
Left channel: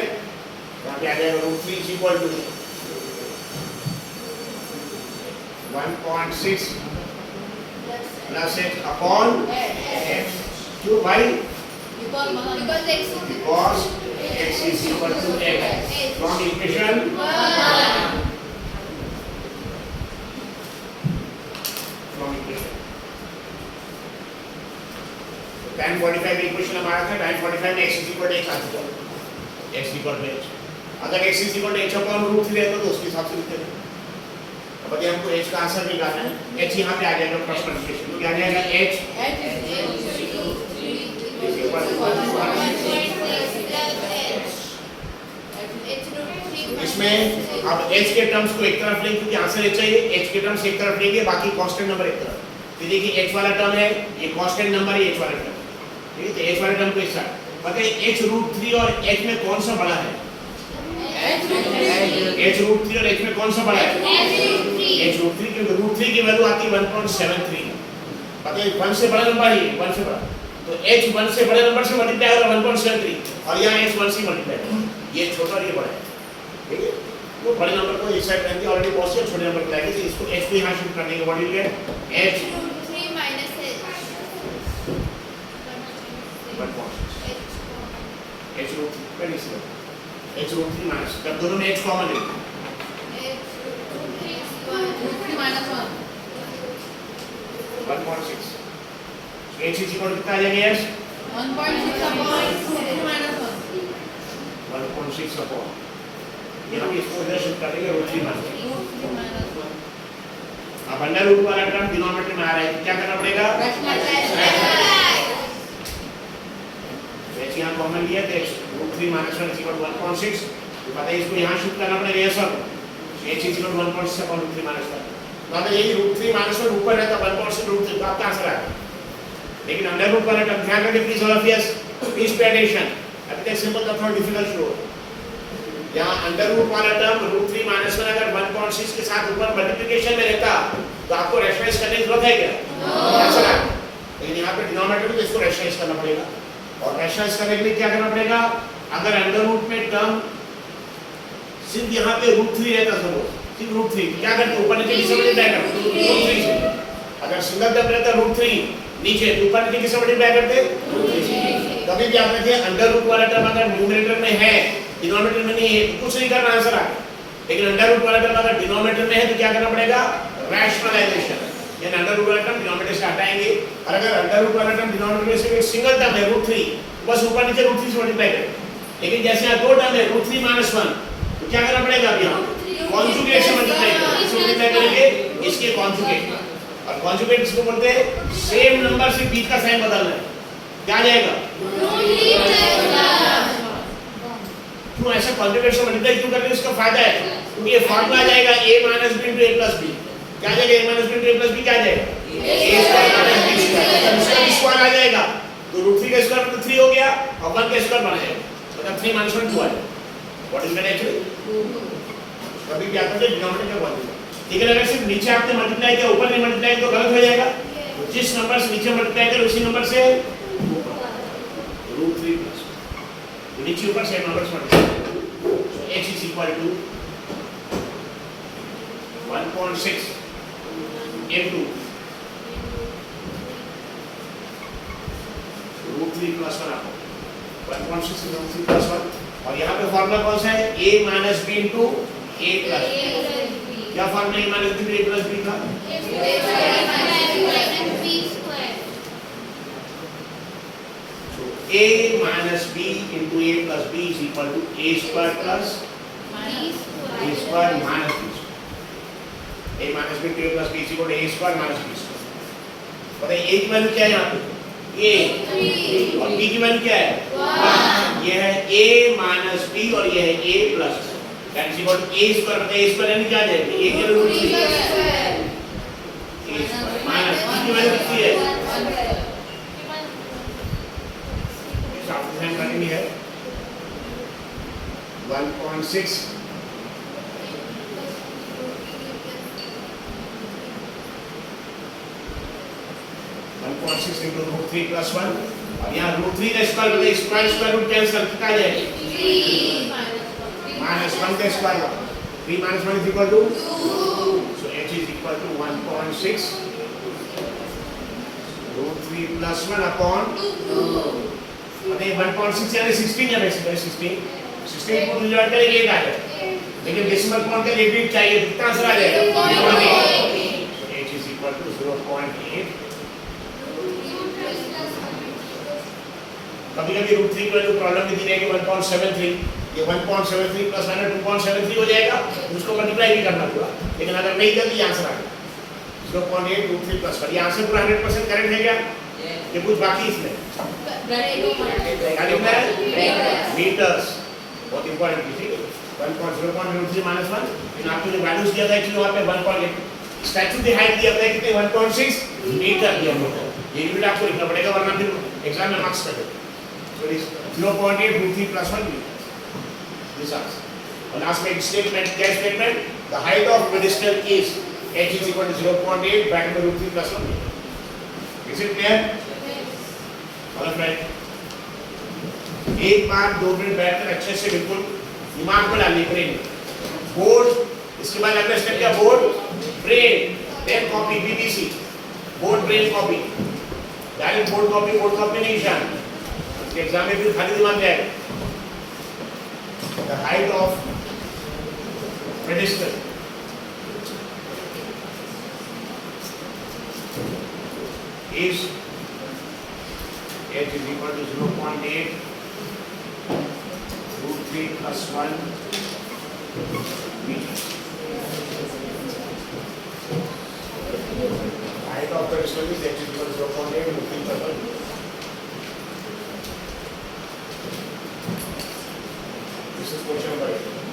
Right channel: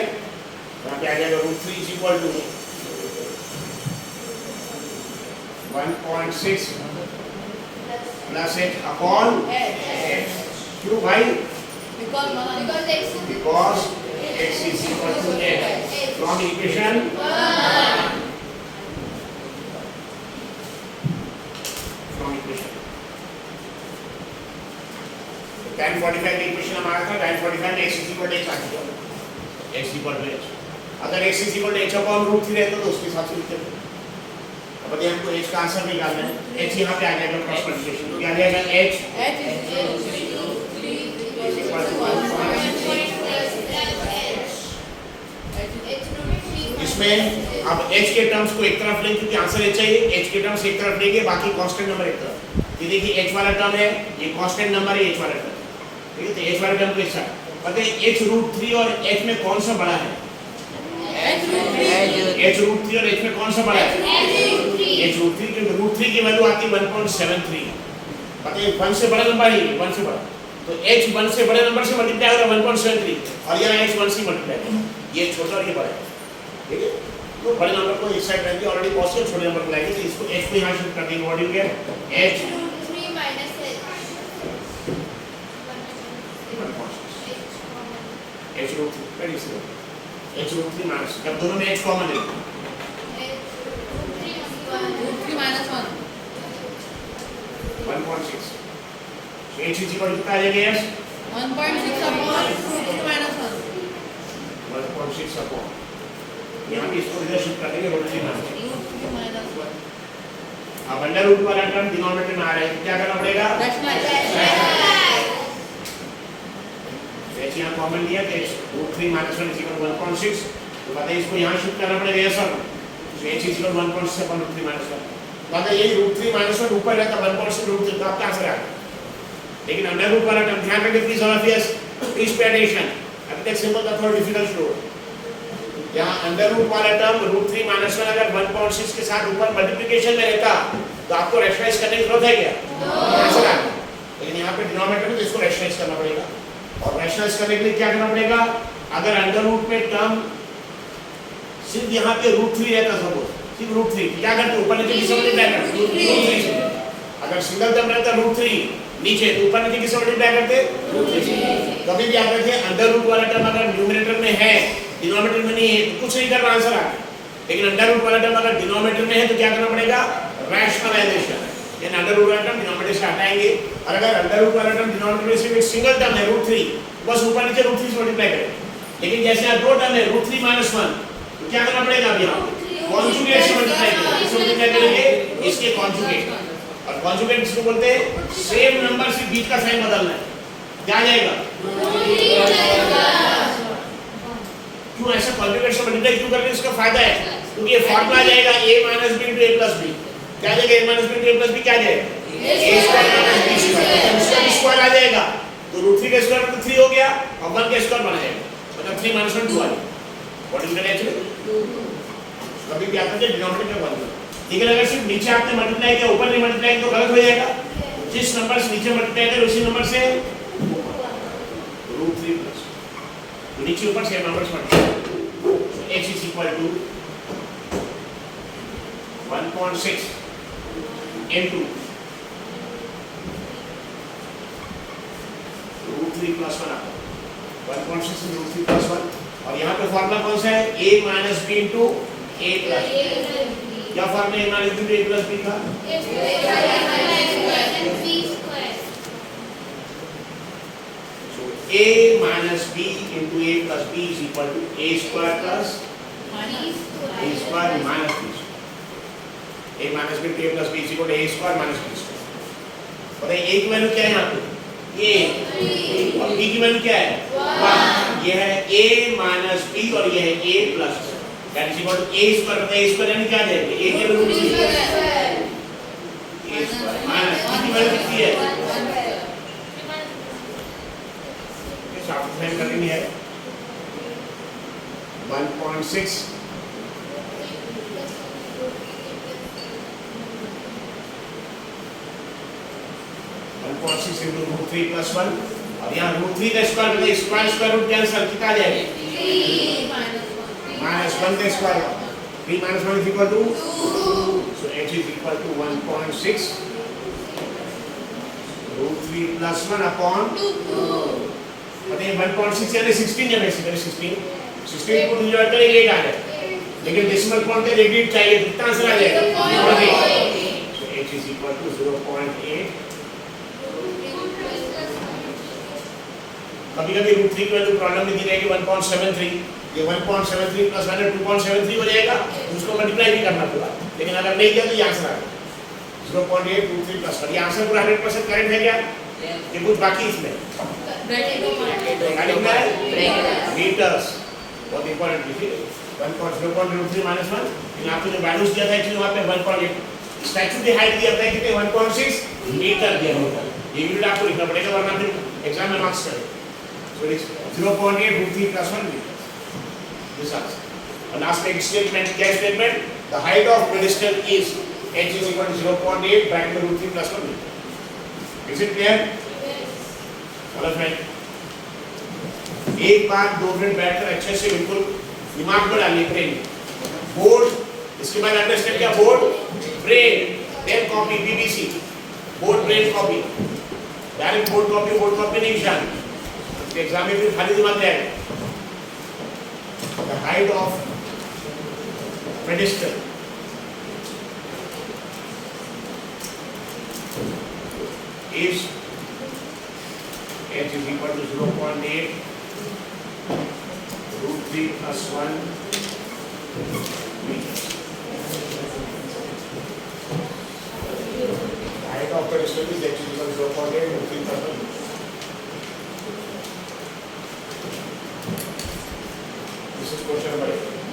वहां पे आ जाएगा √3 is equal to 1.6 plus h upon x। क्यों भाई? Because x is equal to x from equation 1, from equation tan 45 equation हमारा था, tan 45 में x is equal to x आ चुका है, x equal to h। अगर x is equal to h upon √3 रहता तो उसके हिसाब से लिखते हैं। अब बताइए हमको h का आंसर निकालना है, h यहाँ पे आ जाएगा क्रॉस मल्टीप्लिकेशन, तो क्या आ जाएगा? h इसमें अब h के टर्म्स को एक तरफ लेंगे, क्योंकि आंसर h चाहिए, h के टर्म्स एक तरफ लेंगे, बाकी कांस्टेंट नंबर एक तरफ। तो देखिए h वाला टर्म है, ये कांस्टेंट नंबर है, h वाला टर्म, ठीक है? तो h वाला टर्म को इस साइड बताइए, h √3 और h में कौन सा बड़ा है? h √3 और h में कौन सा बड़ा है? h √3, क्योंकि √3 की वैल्यू आती है 1.73, बताइए 1 से बड़ा नंबर ही 1 से बड़ा, तो h 1 से बड़े नंबर से मल्टीप्लाई होगा 1.73, और यहाँ h 1 से मल्टीप्लाई होगा, ये छोटा और ये बड़ा है, ठीक है? तो बड़े नंबर को इस साइड रहेंगे, ऑलरेडी पॉसिबल छोटे नंबर को लाएंगे, तो इसको h को यहाँ शिफ्ट कर देंगे, what you get? h 3 minus h 1.6 h √3 very simple, h √3 minus, जब दोनों में h कॉमन ले √3 minus 1.6, so h is equal to कितना आ जाएगा? h 1.6 upon √3 minus 1 1.6 अपॉन, यहाँ भी इसको इधर शिफ्ट कर देंगे, √3 माइनस। √3 minus 1 अब अंडर रूट वाला टर्म डिनोमिनेटर में आ रहा है, तो क्या करना पड़ेगा? यहाँ कॉमन लिया तो √3 - 1 = 1.6, तो पता है इसको यहाँ शिफ्ट करना पड़ेगा, ये सब तो h is equal 1.6 upon root 3 minus 1। तो अगर यही रूट 3 माइनस 1 ऊपर रहता 1.6 रूट 3 तो आपका आंसर आ गया। लेकिन अंडर रूट वाला टर्म ध्यान रखिए please, all of yes please pay attention. अब तक सिंपल था, थोड़ा डिफिकल्ट शुरू हो। यहाँ अंडर रूट वाला टर्म रूट 3 माइनस 1 अगर 1.6 के साथ ऊपर मल्टीप्लिकेशन में रहता तो आपको रैशनलाइज करने की जरूरत है क्या? आंसर आ गया। लेकिन यहाँ पे डिनोमिनेटर में तो इसको रैशनलाइज करना पड़ेगा, और रैशनलाइज करने के लिए क्या करना पड़ेगा? अगर अंडर रूट में टर्म सिर्फ यहाँ पे रूट 3 रहता, सपोज सिर्फ रूट 3, क्या करते ऊपर नीचे किससे मल्टीप्लाई करते? रूट 3 से। अगर सिंगल टर्म रहता रूट 3 नीचे, तो ऊपर नीचे किससे मल्टीप्लाई करते? रूट 3 से। कभी भी आप देखिए अंडर रूट वाला टर्म अगर न्यूमरेटर में है, डिनोमिनेटर में नहीं है, तो कुछ नहीं करना, आंसर आ गया। लेकिन अंडर रूट वाला टर्म अगर डिनोमिनेटर में है तो क्या करना पड़ेगा? रैशनलाइजेशन। ये अंडर रूट वाला टर्म डिनोमिनेटर से हटाएंगे, और अगर अंडर रूट वाला टर्म डिनोमिनेटर में सिर्फ एक सिंगल टर्म है रूट 3, बस ऊपर नीचे रूट 3 से मल्टीप्लाई करें। लेकिन जैसे यहाँ दो टर्म है रूट 3 माइनस 1, तो क्या करना पड़ेगा? अब यहाँ कॉन्जुगेट से मल्टीप्लाई करेंगे। किससे मल्टीप्लाई करेंगे? इसके कॉन्जुगेट। और कॉन्जुगेट किसको बोलते हैं? सेम नंबर से बीच का साइन बदलना है। क्या आ जाएगा? क्यों ऐसा कॉन्जुगेट से मल्टीप्लाई क्यों कर रहे हैं? इसका फायदा है क्योंकि ये फॉर्मूला आ जाएगा a minus b into a plus b। क्या आ जाएगा? a minus b into a plus b क्या आ जाएगा? a square minus b square. मतलब इसका स्क्वायर आ जाएगा, तो रूट 3 का स्क्वायर तो 3 हो गया, और 1 का स्क्वायर बन जाएगा, मतलब 3 माइनस 1 2 आ जाएगा। What is that actually? कभी क्या करते हैं डिनोमिनेटर का बदल। लेकिन अगर सिर्फ नीचे आपने मल्टीप्लाई किया, ऊपर नहीं मल्टीप्लाई किया तो गलत हो जाएगा। जिस नंबर से नीचे मल्टीप्लाई करें उसी नंबर से रूट 3 प्लस नीचे ऊपर same numbers multiply. x is equal to 1.6 into root 3 plus 1 1.6 into root 3 plus 1। और यहाँ पे फॉर्मूला कौन सा है? a minus b into a plus b। क्या formula a minus b into a plus b का? so a minus b into a plus b is equal to a square plus a square minus b। a minus b into a plus b is equal to a square minus b square. पता है a की value क्या है यहाँ पे? a और b की value क्या है? 1। ये है a माइनस b और ये है a plus b। That is equal to a square, मतलब a स्क्वायर यानी क्या आ जाएगा? a के root 3 a square minus b की वैल्यू कितनी है? इस आपको फाइंड करनी है 1.6 1.6 into रूट 3 प्लस 1। अब यहाँ रूट 3 का स्क्वायर मतलब स्क्वायर रूट कैंसिल, कितना आ जाएगा? 3 माइनस 1 का square 3 minus 1 is equal to 2। So h is equal to 1.6 root 3 plus 1 upon 2। अभी 1.6 यानी 16 है, बेसिकली 16 को डिवाइड करेंगे क्या आ जाएगा? लेकिन डेसिमल पॉइंट का रेडियस चाहिए, कितना आंसर आ जाएगा? 0.8। सो h इज इक्वल टू 0.8। कभी-कभी रूट 3 का जो प्रॉब्लम में दी है कि 1.73, ये 1.73 प्लस 2.73 हो जाएगा, उसको मल्टीप्लाई भी करना पूरा। लेकिन अगर नहीं किया तो ये आंसर आ गया 0.8 रूट 3 प्लस 1। ये आंसर पूरा 100% करेक्ट है क्या? ये कुछ बाकी इसमें मीटर्स बहुत इंपॉर्टेंट है, ठीक है? 1.0.03 माइनस 1। लेकिन आपको जो वैल्यूज दिया था कि वहाँ पे 1.8 स्टैचू की हाइट दिया था कितने? 1.6 मीटर दिया मीटर। ये यूनिट आपको लिखना पड़ेगा वरना फिर एग्जाम में मार्क्स कटेंगे। So it is 0.8 root 3 plus 1 meter. This answer. And last statement, guess statement. The height of pedestal is h is equal to 0.8 back to root 3 plus 1 meter. Is it clear? All of that. एक बार 2 minute बैठकर अच्छे से बिल्कुल दिमाग में डालिए brain. Board, इसके बाद अगला स्टेप क्या? Board brain, then copy BBC। Board brain copy, direct board copy नहीं जानी। एग्जाम में फिर खाली दिमाग जाएगा। The height of pedestal is h is equal to 0.8 root 3 plus 1 meters. The height of pedestal is h is equal to 0.8 root 3 plus 1 meters. This is question number 8.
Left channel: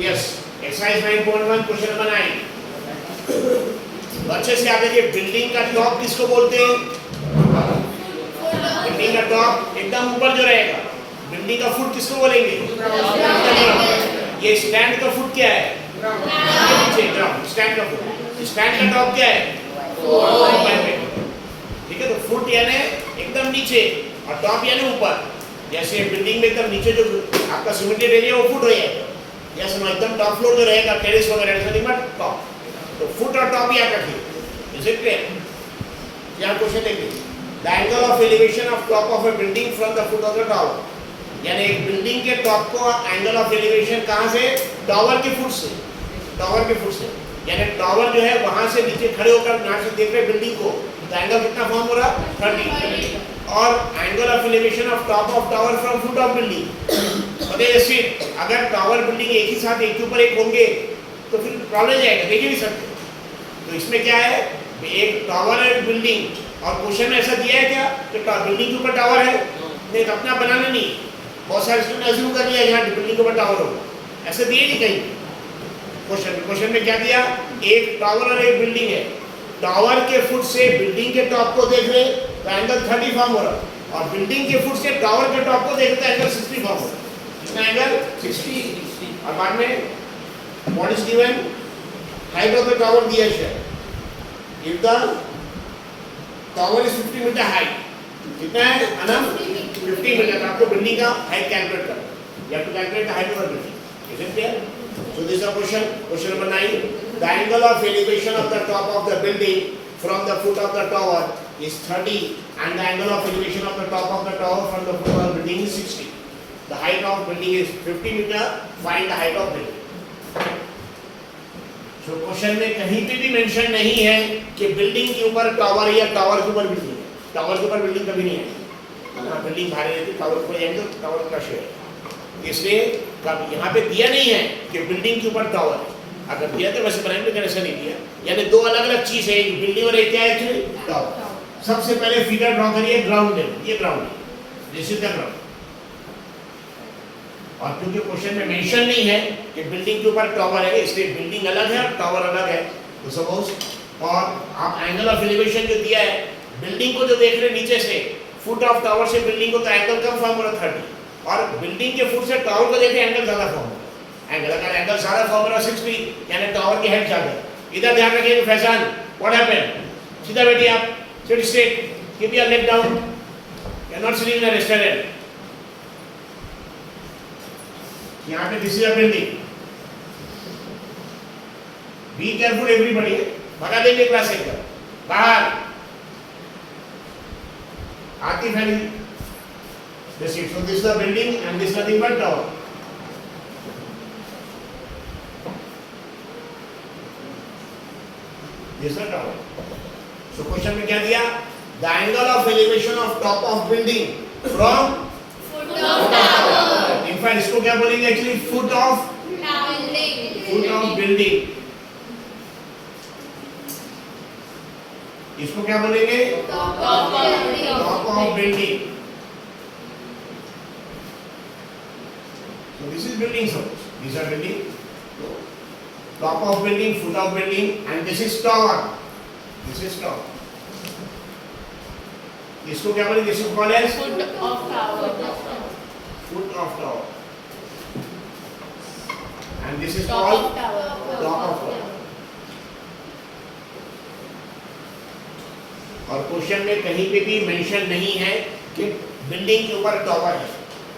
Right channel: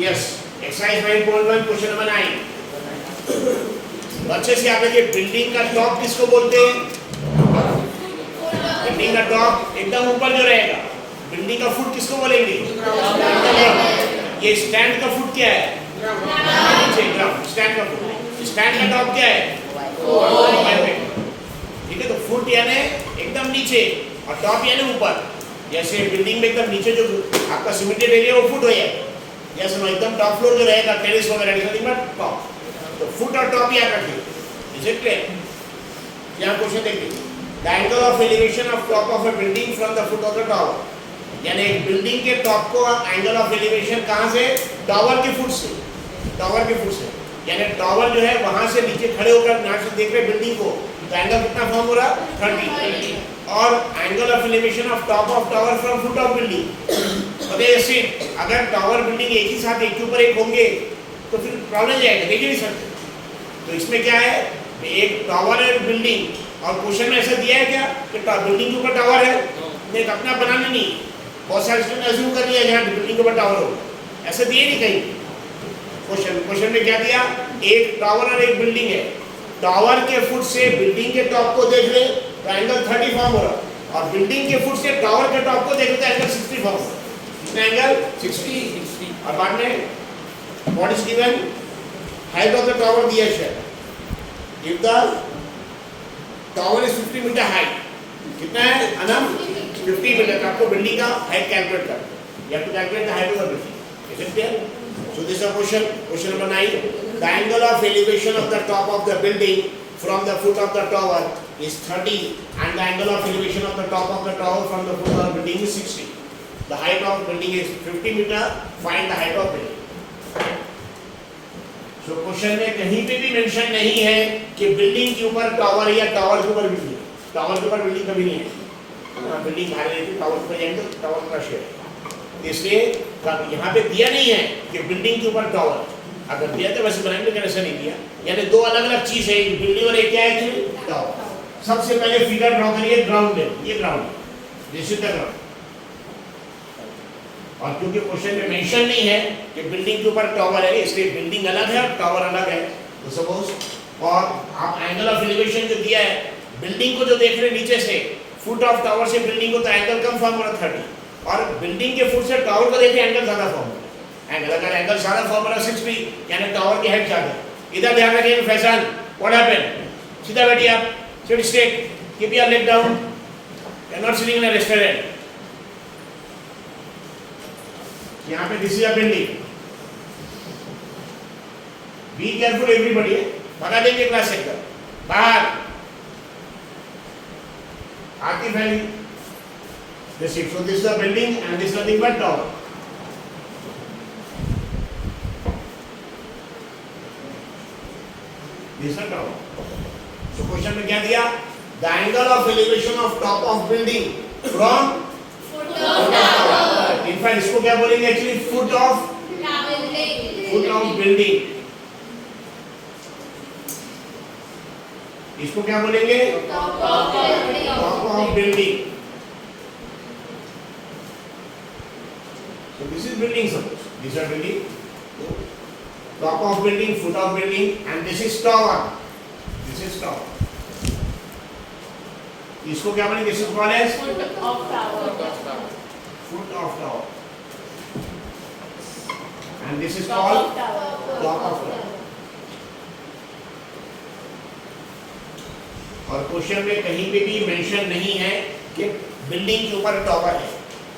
Yes, exercise 9.1 question number 9। अच्छे से आप देखिए, building का top किसको बोलते हैं? Building का top एकदम ऊपर जो रहेगा, बिल्डिंग का फुट किसको बोलेंगे? ये स्टैंड का फुट क्या है? नीचे ग्राउंड, स्टैंड का फुट। स्टैंड का टॉप क्या है? ठीक है, तो फुट यानी एकदम नीचे और टॉप यानी ऊपर। जैसे बिल्डिंग में एकदम नीचे जो आपका सीमेंटेड एरिया वो फुट हो जाएगा, या सुनो एकदम टॉप फ्लोर जो रहेगा टेरेस वगैरह टॉप, तो फुट और टॉप याद रखिए। Is it clear? यहाँ क्वेश्चन देखिए, the angle of elevation of top of a building from the foot of the tower, यानी एक बिल्डिंग के टॉप को एंगल ऑफ एलिवेशन कहाँ से? टावर के फुट से। टावर के फुट से यानी टावर जो है वहां से नीचे खड़े होकर यहाँ से देख रहे बिल्डिंग को, तो एंगल कितना फॉर्म हो रहा? 30। और angle of elevation of top of tower from foot of building, अगर टावर बिल्डिंग एक ही साथ एक के ऊपर एक होंगे तो फिर प्रॉब्लम जाएगा, देख ही नहीं सकते। तो इसमें क्या है, एक टावर है बिल्डिंग, और क्वेश्चन में ऐसा दिया है क्या कि बिल्डिंग के ऊपर टावर है? नहीं, तो अपना बनाना नहीं, बहुत सारे स्टूडेंट अज्यूम कर लिया यहाँ बिल्डिंग के ऊपर टावर हो, ऐसा दिए नहीं कहीं क्वेश्चन में क्या दिया? एक टावर और एक बिल्डिंग है, टावर के फुट से बिल्डिंग के टॉप को देख ले तो एंगल 30 फॉर्म हो रहा, और बिल्डिंग के फुट से टावर के टॉप को देख ले तो एंगल 60 फॉर्म हो रहा। कितना एंगल? 60। और बाद में what is given? Height of the tower दिया है, if the tower is 50 metre height, कितना है अनम? 50 मीटर। आपको बिल्डिंग का हाइट कैलकुलेट करना, you have to calculate the height of the building. Is it clear? So this is a question number 9. The angle of elevation of the top of the building from the foot of the tower is 30, and the angle of elevation of the top of the tower from the foot of the building is 60. The height of building is 50 meter. Find the height of building. So question में कहीं पे भी mention नहीं है कि building के ऊपर tower है या टावर के ऊपर बिल्डिंग है। टावर के ऊपर बिल्डिंग कभी नहीं है, बिल्डिंग भारी रहती है, टावर पर जाएंगे तो टावर का शेयर। इसलिए यहाँ पे दिया नहीं है कि बिल्डिंग के ऊपर टावर, अगर दिया तो वैसे बनाने में ऐसा नहीं दिया, यानी दो अलग अलग चीज है, एक बिल्डिंग और एक क्या है एक्चुअली टावर। सबसे पहले फिगर ड्रॉ करिए, ग्राउंड है, ये ग्राउंड है, दिस इज द ग्राउंड। और क्योंकि क्वेश्चन में मेंशन नहीं है कि बिल्डिंग के ऊपर टावर है, इसलिए बिल्डिंग अलग है और टावर अलग है। तो सपोज, और आप एंगल ऑफ एलिवेशन जो दिया है, बिल्डिंग को जो देख रहे नीचे से, फुट ऑफ टावर से बिल्डिंग को, तो एंगल कम फॉर्म हो रहा 30, और बिल्डिंग के फुट से टावर को देखें एंगल ज्यादा फॉर्म हो रहा है। एंगल अगर एंगल ज्यादा फॉर्म हो रहा 60, यानी टावर की हाइट ज्यादा है। इधर ध्यान रखिएगा फैजान, व्हाट हैपेंड? सीधा बैठिए आप, sit straight, keep your leg down, you are not sitting in a restaurant. यहाँ पे this is a building, be careful everybody, भगा देंगे क्लास से एकदम बाहर। आती फैली this is, so this is the building and this is nothing but tower. This is the tower. So question में क्या दिया? The angle of elevation of top of building from foot of tower. In fact इसको क्या बोलेंगे actually? Foot of building. इसको क्या बोलेंगे? Top of building. So this is building, suppose these are building, so top of building, foot of building, and this is tower. This is tower. इसको क्या बोलेंगे? This is called as Foot of tower. foot of tower, and this is called top of tower. और question में कहीं पे भी mention नहीं है कि बिल्डिंग के ऊपर टावर है,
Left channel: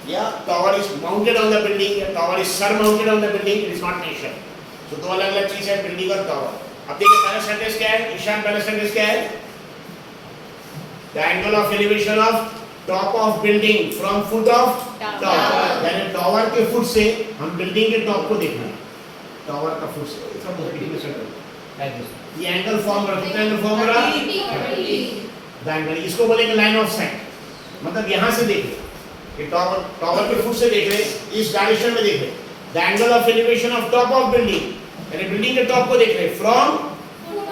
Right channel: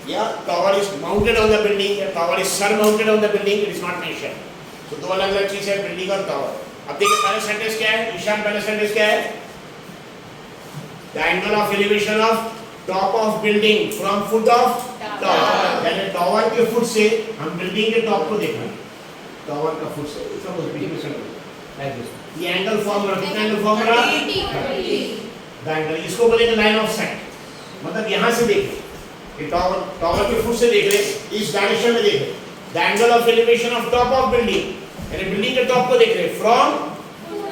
या tower is mounted on the building, या tower is sir mounted on the building, it is not mention. तो दो अलग अलग चीज है, बिल्डिंग और टावर। अब देखिए पहला सेंटेंस क्या है, ईशान, पहला सेंटेंस क्या है? The angle of elevation of top of building from foot of tower, यानी टावर के फुट से हम बिल्डिंग के टॉप को देखना है, टावर का फुट से। ये एंगल फॉर्म रहा, कितना एंगल फॉर्म रहा? द एंगल, इसको बोलेंगे लाइन ऑफ साइट, मतलब यहां से देखें, ये टावर के फुट से देख रहे, इस डायरेक्शन में देख रहे, the angle of elevation of top of building, यानी बिल्डिंग के टॉप को देख रहे फ्रॉम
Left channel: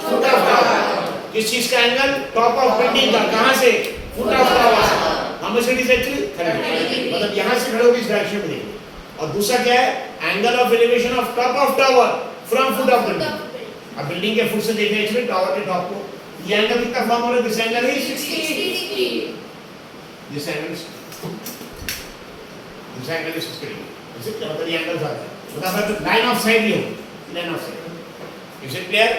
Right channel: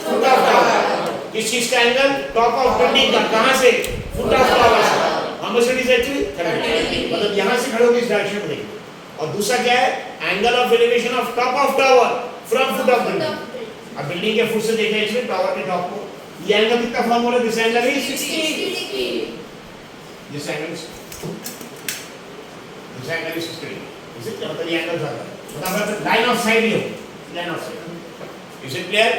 फुट ऑफ टावर। इस चीज का एंगल टॉप ऑफ बिल्डिंग का कहां से? फुट ऑफ टावर से। हम इसे एक्चुअली मतलब यहां से खड़े होकर इस डायरेक्शन में देख रहे, और दूसरा क्या है, angle of elevation of top of tower from foot of building. अब बिल्डिंग के फुट से देख रहे हैं इसमें टावर के टॉप को, ये एंगल कितना फॉर्म हो रहा है, this angle is 60 this angle is 60 degree. इसे क्या मतलब, ये एंगल ज्यादा मतलब लाइन ऑफ साइड ही हो, line of side. Is it clear?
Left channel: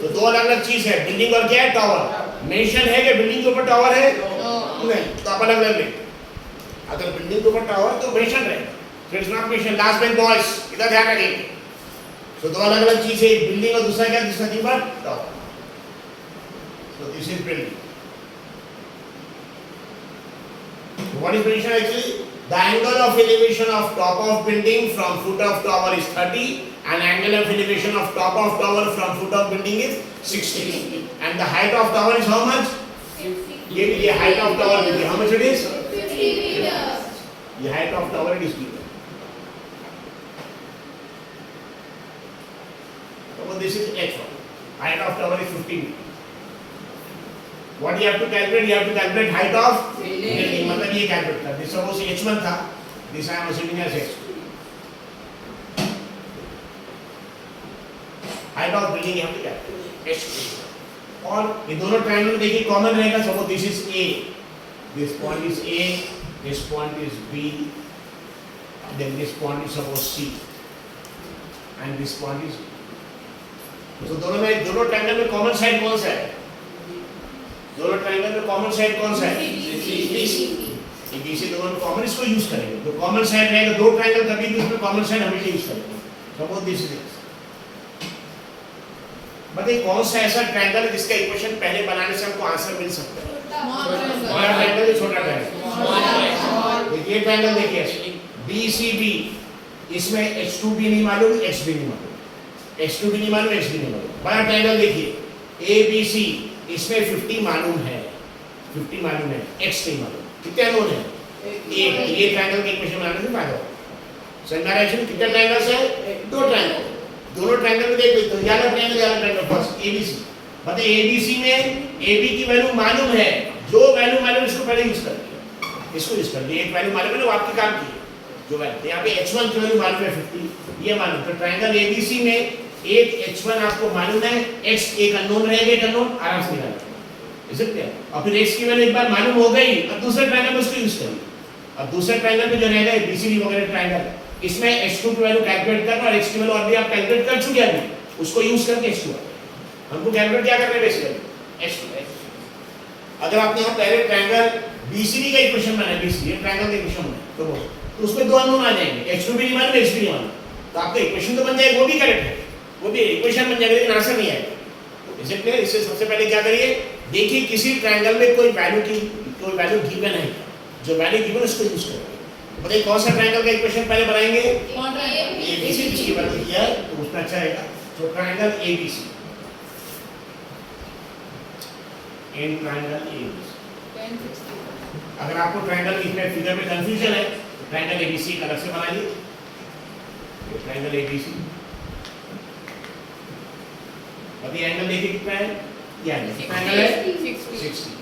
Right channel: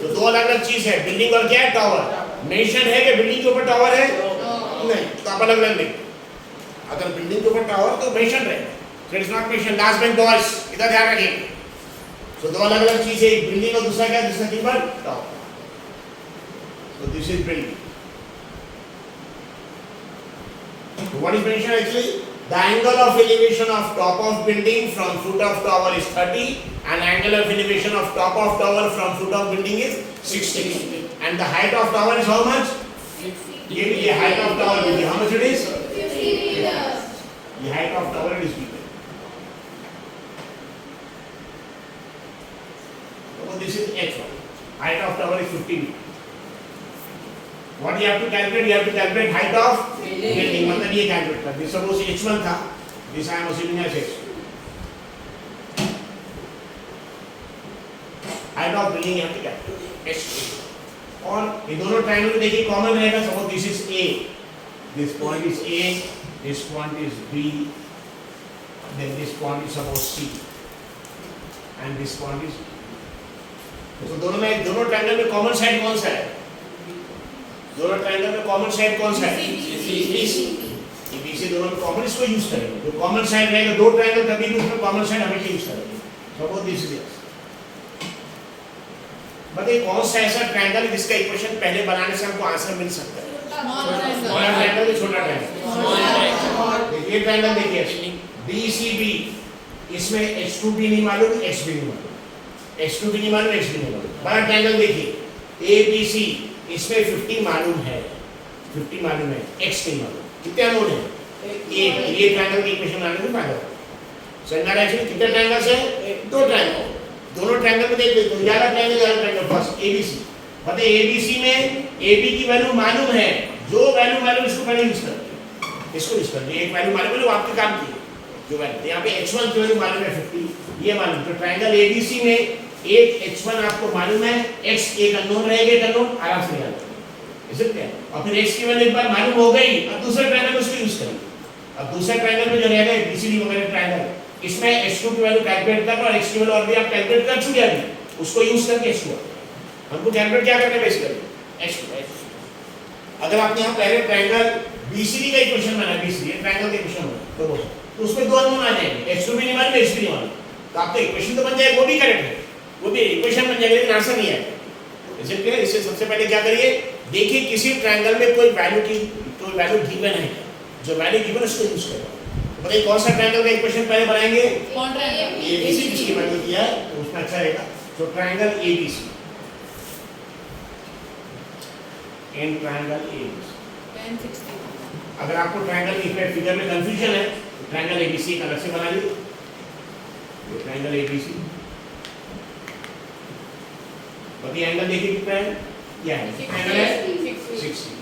तो दो अलग अलग चीज है, बिल्डिंग और क्या है, टावर। मेंशन है कि बिल्डिंग के ऊपर टावर है, नहीं, तो आप अलग अलग लिख। अगर बिल्डिंग के ऊपर टावर तो मेंशन रहेगा, फिर it's not mention last bench boys, इधर ध्यान रखिए। तो दो अलग अलग चीज है, एक बिल्डिंग और दूसरा क्या, दूसरा की पर tower. So this is building. So what is mentioned actually? The angle of elevation of top of building from foot of tower is 30 and angle of elevation of top of tower from foot of building is 60. And the height of tower is how much? ये height of tower will be how much it is? 50 meters. The height of tower it is given. So this is h1. Height of tower is 50 meters. What you have to calculate? You have to calculate height of building. मतलब ये calculate कर। This suppose h1 था, this I am assuming as h2. Height of building you have to calculate h1. और ये दोनों triangle देखिए common रहेगा। Suppose this is A, this point is A, this point is B, then this point is suppose C, and this point is B. तो दोनों triangle में common side कौन सा है? दोनों ट्रायंगल में कॉमन साइड कौन सा है? BC। ये BC दोनों में कॉमन, इसको यूज करेंगे। जो कॉमन साइड रहेगा, दो ट्रायंगल कभी भी उसमें कॉमन साइड हमेशा यूज करेंगे। सपोज दिस इज, बताइए कौन सा ऐसा ट्रायंगल जिसका इक्वेशन पहले बनाने से हमको आंसर मिल सकता है? बड़ा ट्रायंगल या छोटा ट्रायंगल? देखिए ट्रायंगल देखिए, BCB, इसमें H2B नहीं मालूम, HB नहीं मालूम, H2B नहीं मालूम, HB नहीं मालूम। बड़ा ट्रायंगल देखिए ABC, इसमें 50 मालूम है, 50 मालूम है, x नहीं मालूम। कितने अननोन है? एक। ये ट्रायंगल के इक्वेशन बनाने में फायदा होगा। समझ में आ रहा है? एक्चुअली कितने ट्रायंगल्स है? दो ट्रायंगल। दोनों ट्रायंगल में देख लेते हो, याला ट्रायंगल फर्स्ट ABC। बताइए ABC में AB की वैल्यू मालूम है, जो वैल्यू मालूम इसको पहले यूज कर लीजिए, इसको यूज कर लीजिए। एक वैल्यू मालूम है ना, वो आपके काम की है जो वैल्यू। तो यहाँ पे h1 की वैल्यू मालूम है 50, ये मालूम। तो ट्रायंगल ABC में एक h1 आपको मालूम है, x एक अननोन रहेगा, एक अननोन आराम से निकाल लो। Is it clear? और फिर x की वैल्यू एक बार मालूम हो गई, अब दूसरे ट्रायंगल में उसको यूज करिए। अब दूसरे ट्रायंगल में जो रहेगा BCD वगैरह ट्रायंगल, इसमें h2 की वैल्यू कैलकुलेट करना, और x की वैल्यू ऑलरेडी आप कैलकुलेट कर चुके हैं, उसको यूज करके h2 हमको कैलकुलेट क्या करना है बेसिकली h2। अगर आपने यहाँ पहले ट्रायंगल BCD का इक्वेशन बनाया, BCD ट्रायंगल का इक्वेशन बनाया, तो उसमें दो अननोन आ जाएंगे, h2 भी नहीं मालूम, h भी नहीं मालूम। तो आपका इक्वेशन तो बन जाएगा, वो भी करेक्ट है, वो भी इक्वेशन बन जाएगा, लेकिन आंसर नहीं आएगा। इसे क्लियर? इससे सबसे पहले क्या करिए, देखिए किसी ट्रायंगल में कोई वैल्यू गिवन है, जो वैल्यू गिवन उसको यूज करो। तो बताइए कौन सा ट्रायंगल का इक्वेशन पहले बनाएंगे? ABC जिसकी वैल्यू किया है, तो उसमें अच्छा रहेगा। तो triangle ABC, in triangle ABC। अगर आपको ट्रायंगल इसमें फिगर में कंफ्यूजन है, तो ट्रायंगल ABC अलग से बना लीजिए। ट्रायंगल ABC, और ये एंगल देखिए कितना है, ये एंगल है 60।